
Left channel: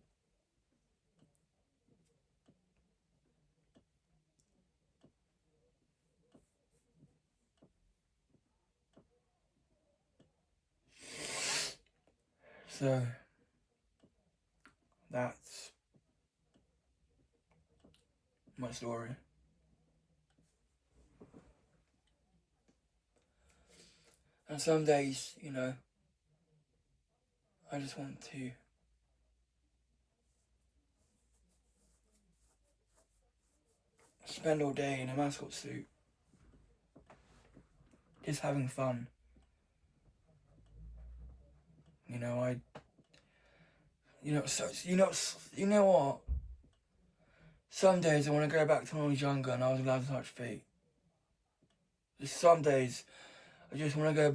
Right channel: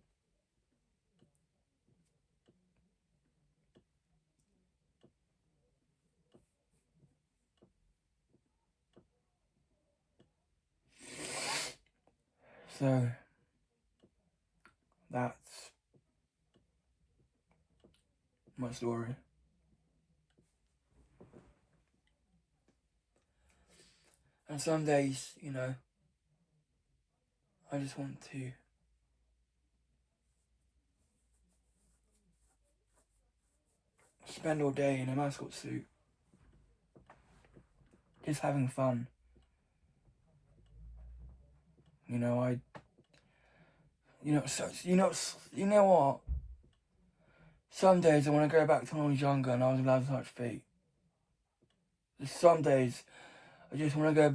So that's my story. And some days, you know, I just want to spend all day in a mascot suit, just having fun. You know, you know what? Some days I want to go back to when I was younger and I was allowed to touch feet. Just some days I just want to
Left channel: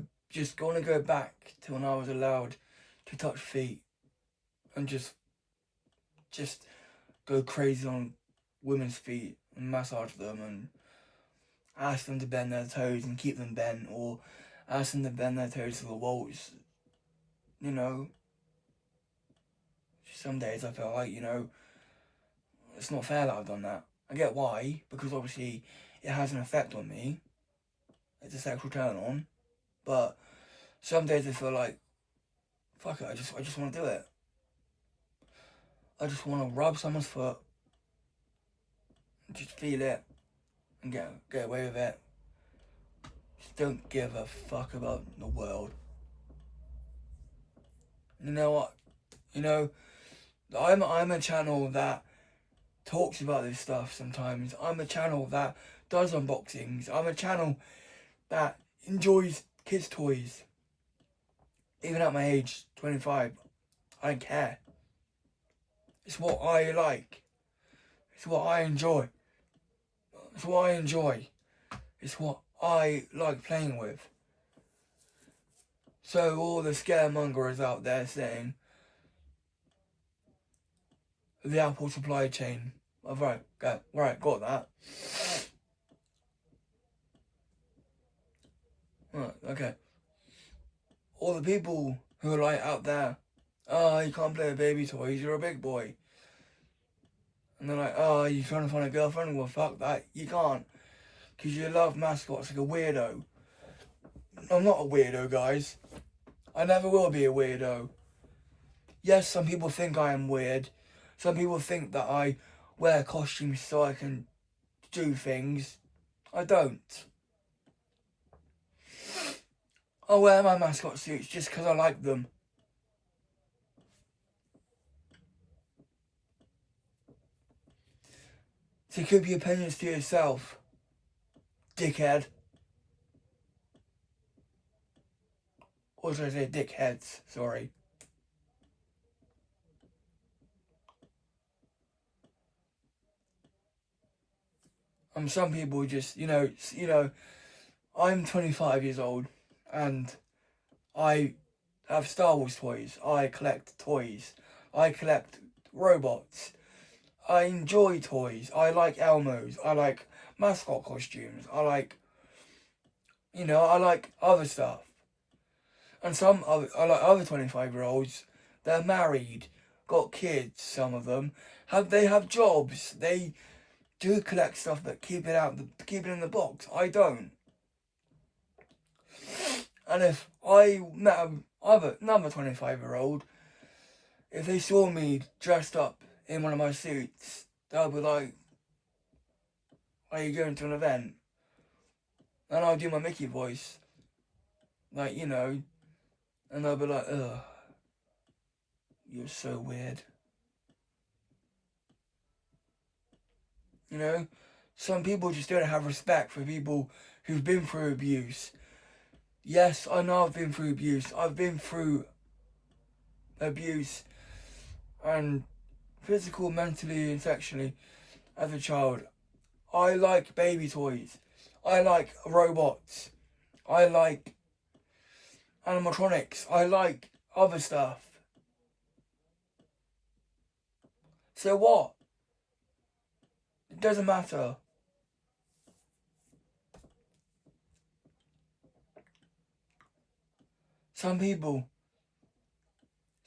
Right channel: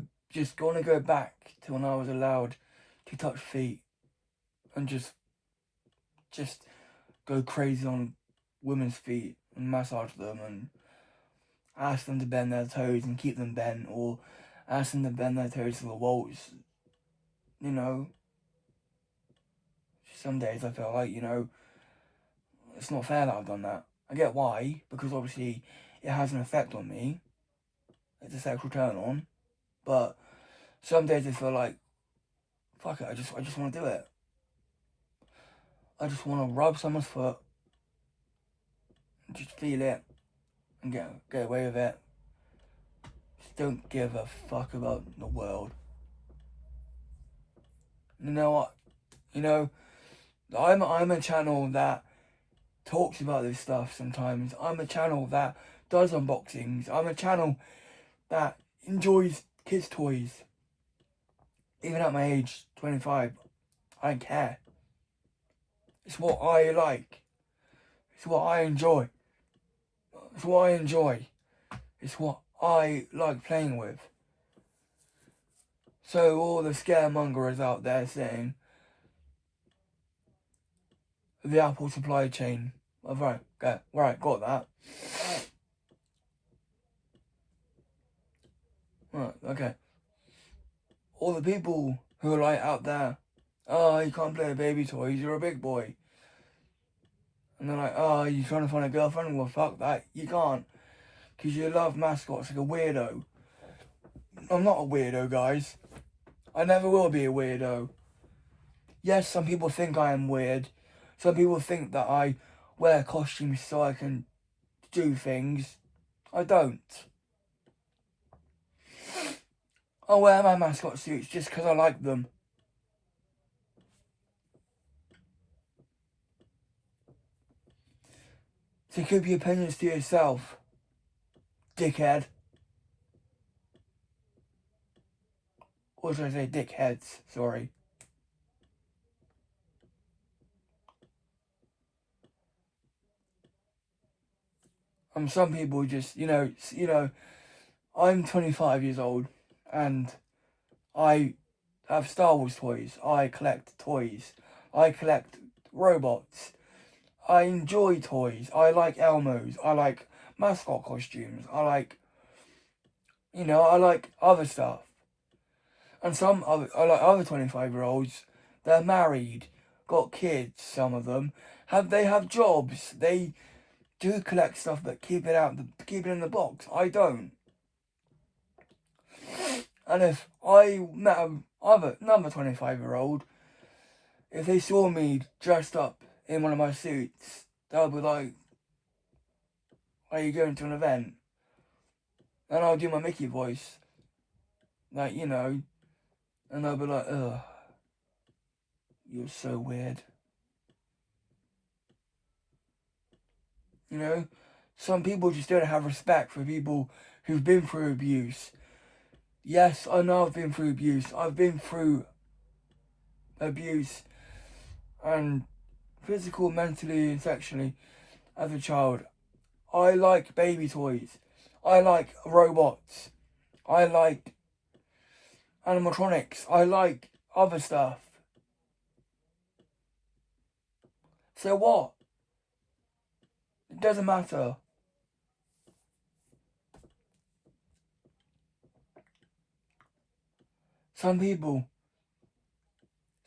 go back to when I was allowed to touch feet and just go crazy on women's feet and massage them and ask them to bend their toes and keep them bent, or ask them to bend their toes to the walls. You know, some days I feel like, you know, it's not fair that I've done that. I get why, because obviously it has an effect on me. It's a sexual turn on. But some days I feel like, fuck it, I just want to do it. I just want to rub someone's foot, just feel it, and get away with it. Just don't give a fuck about the world. You know what? You know, I'm a channel that talks about this stuff sometimes. I'm a channel that does unboxings. I'm a channel that enjoys kids' toys. Even at my age, 25, I don't care. It's what I like. It's what I enjoy. It's what I enjoy. It's what I like playing with. So all the scaremongers out there saying the Apple supply chain. Right, got that. Right, okay. All the people who are like out there, oh, you can't play with baby toys, you're a big boy. And they're like, oh, you trying to find a girlfriend? Well, fuck that, you can't. Because you love mascots like a weirdo. I'm not a weirdo, guys. I never will be a weirdo. Yes, some people think I am weird. Some people think that I wear costumes so I can do things. I don't. I wear my mascot suits just because I like them. So keep your opinions to yourself, dickhead. Or should I say dickheads, sorry. Some people just, you know, I'm 25 years old and I have Star Wars toys. I collect toys. I collect robots. I enjoy toys. I like Elmos. I like mascot costumes. I like other stuff. And I like other 25-year-olds. They're married, got kids. Some of them they have jobs. They do collect stuff, but keep it in the box. I don't. And if I met another 25-year-old, if they saw me dressed up in one of my suits, they'll be like, "Are you going to an event?" And I'll do my Mickey voice, like, you know, and they'll be like, "Ugh, you're so weird." You know, some people just don't have respect for people who've been through abuse. Yes, I know I've been through abuse. I've been through abuse and physical, mentally, and sexually as a child. I like baby toys. I like robots. I like animatronics. I like other stuff. So what? It doesn't matter. Some people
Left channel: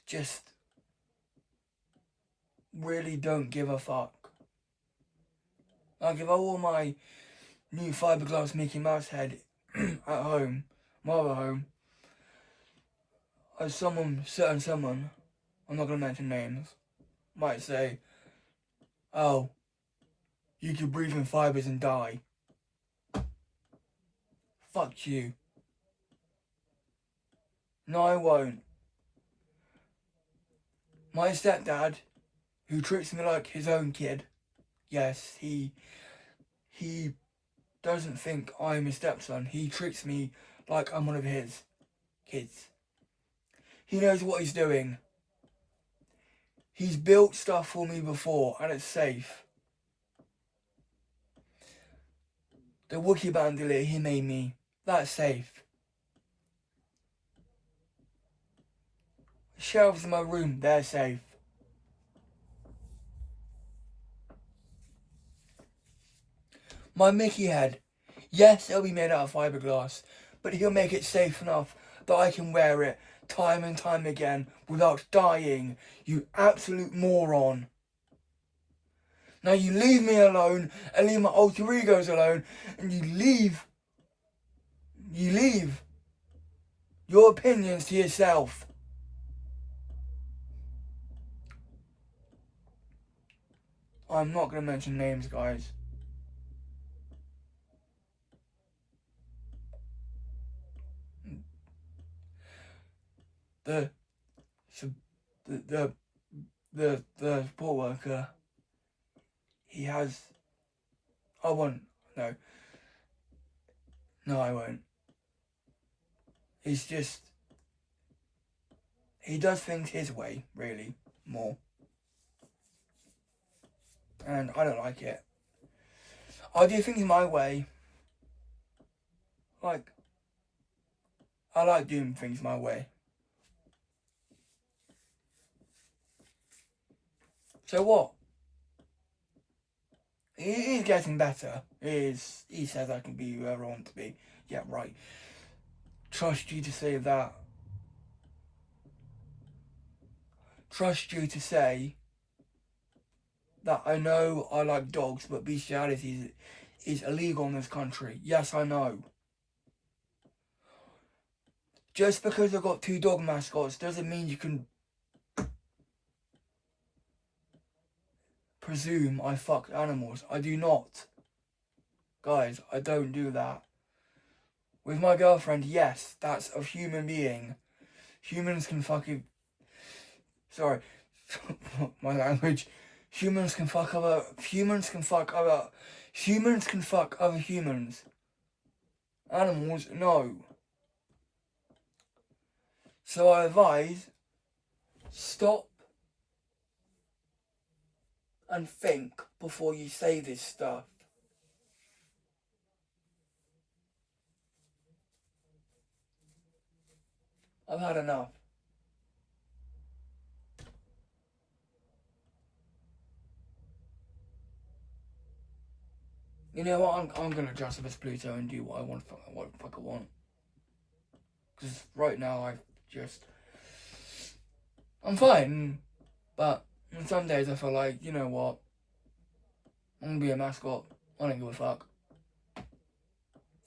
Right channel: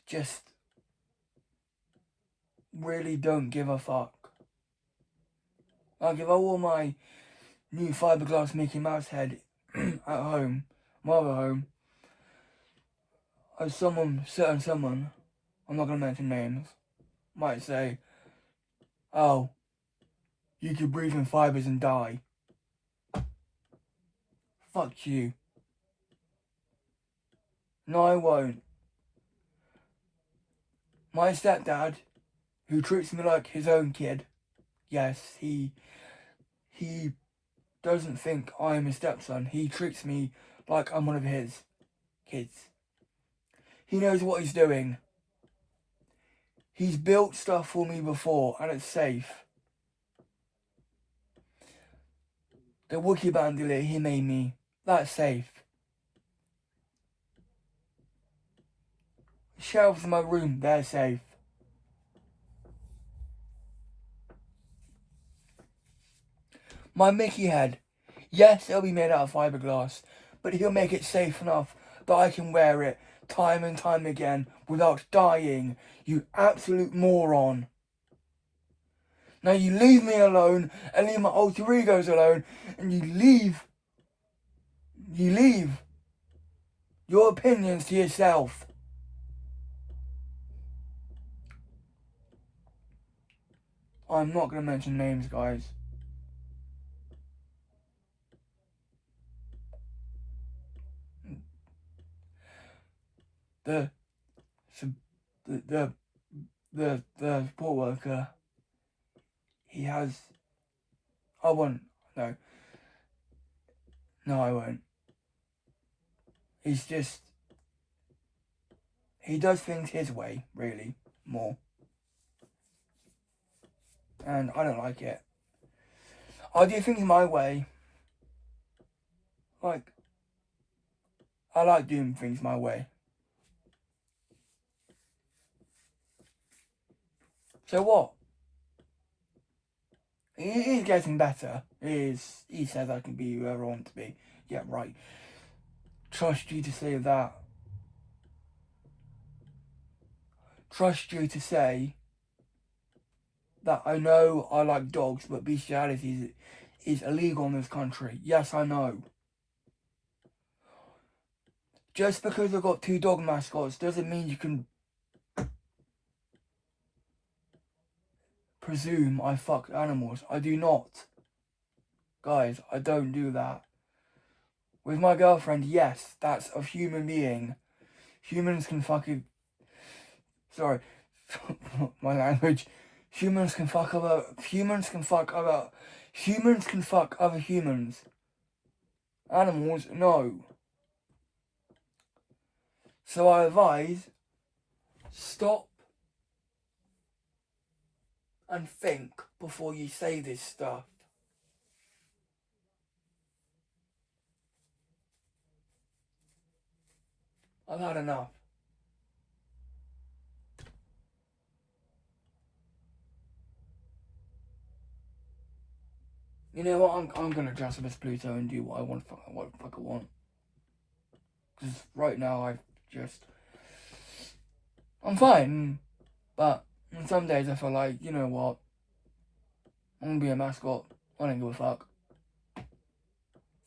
just really don't give a fuck. Like if I wore my new fiberglass Mickey Mouse head at home, my other home, as certain someone, I'm not going to mention names, might say, oh, you could breathe in fibres and die. Fuck you. No, I won't. My stepdad, who treats me like his own kid, yes, he doesn't think I'm his stepson. He treats me like I'm one of his kids. He knows what he's doing. He's built stuff for me before, and it's safe. The Wookiee Bandolier he made me, that's safe. The shelves in my room, they're safe. My Mickey head, yes, it'll be made out of fiberglass, but he'll make it safe enough that I can wear it time and time again without dying, you absolute moron. Now you leave me alone and leave my alter egos alone, and you leave your opinions to yourself. I'm not going to mention names, guys. The support worker, he has, I won't, no, I won't. He's just, he does things his way, really, more. And I don't like it. I do things my way. Like, I like doing things my way. So what? He's getting better. He says I can be whoever I want to be. Yeah, right. Trust you to say that. Trust you to say that I know I like dogs, but bestiality is illegal in this country. Yes, I know. Just because I've got 2 dog mascots doesn't mean you can presume I fuck animals. I do not. Guys, I don't do that. With my girlfriend, yes, that's a human being. Humans can fucking... Sorry. My language. Humans can fuck other humans. Animals, no. So I advise, stop and think before you say this stuff. I've had enough. You know what? I'm gonna dress up as Pluto and do what the fuck I want. Because right now I'm fine, but on some days I feel like, you know what? I'm gonna be a mascot. I don't give a fuck.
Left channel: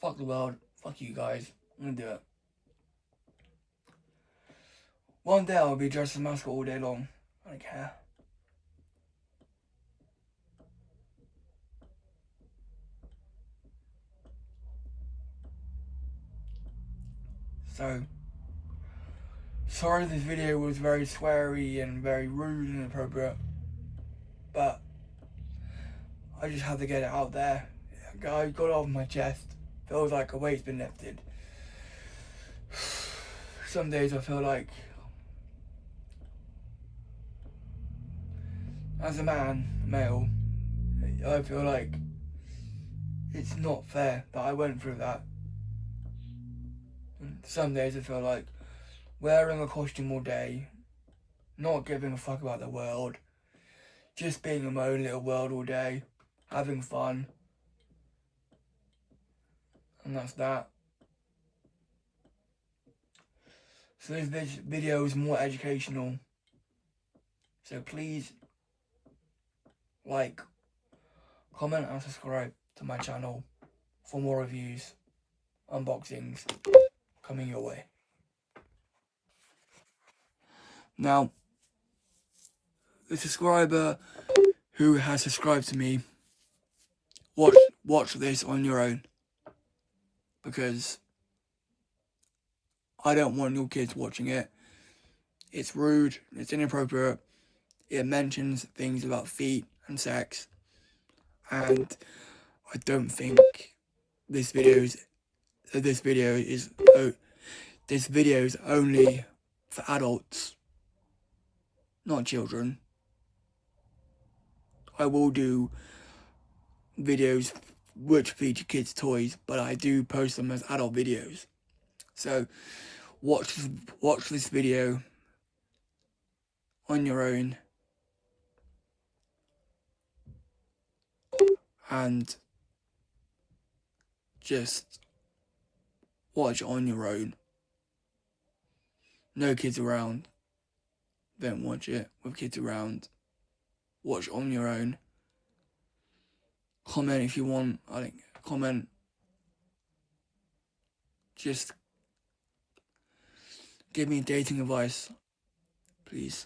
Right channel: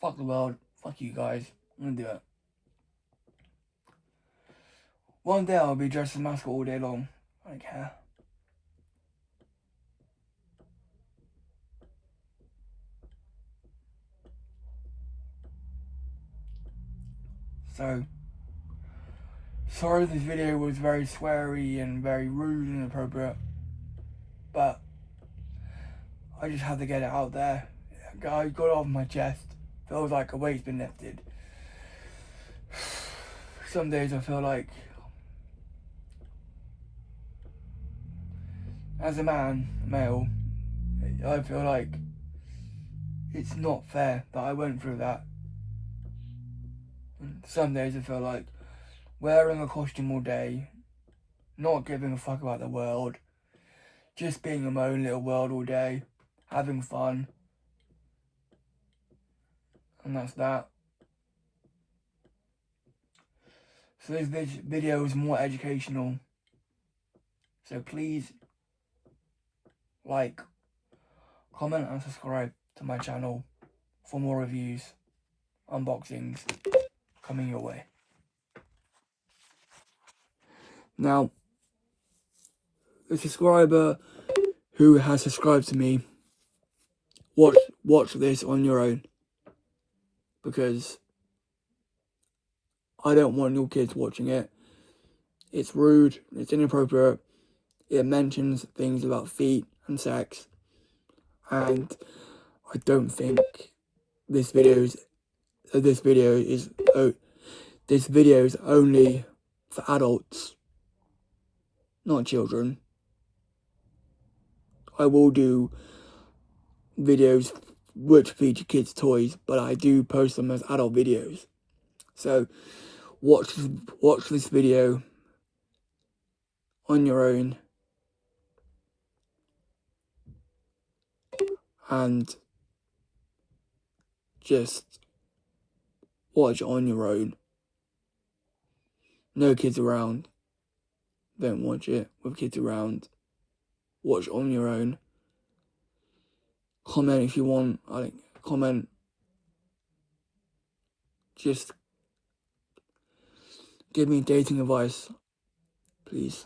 Fuck the world. Fuck you guys. I'm gonna do it. One day I'll be dressed as a mascot all day long. I don't care. So, sorry this video was very sweary and very rude and inappropriate, but I just had to get it out there. I got it off my chest. Feels like a weight's been lifted. Some days I feel like, as a male, I feel like it's not fair that I went through that. And some days I feel like wearing a costume all day, not giving a fuck about the world, just being in my own little world all day, having fun. And that's that. So this video is more educational. So please like, comment and subscribe to my channel for more reviews, unboxings coming your way. Now, the subscriber who has subscribed to me, watch this on your own, because I don't want your kids watching it. It's rude, it's inappropriate, it mentions things about feet and sex, and I don't think this video is only for adults, not children. I will do videos which feature kids' toys, but I do post them as adult videos. So watch this video on your own, and just watch it on your own. No kids around. Don't watch it with kids around. Watch it on your own. Comment if you want. Comment. Just give me dating advice, please.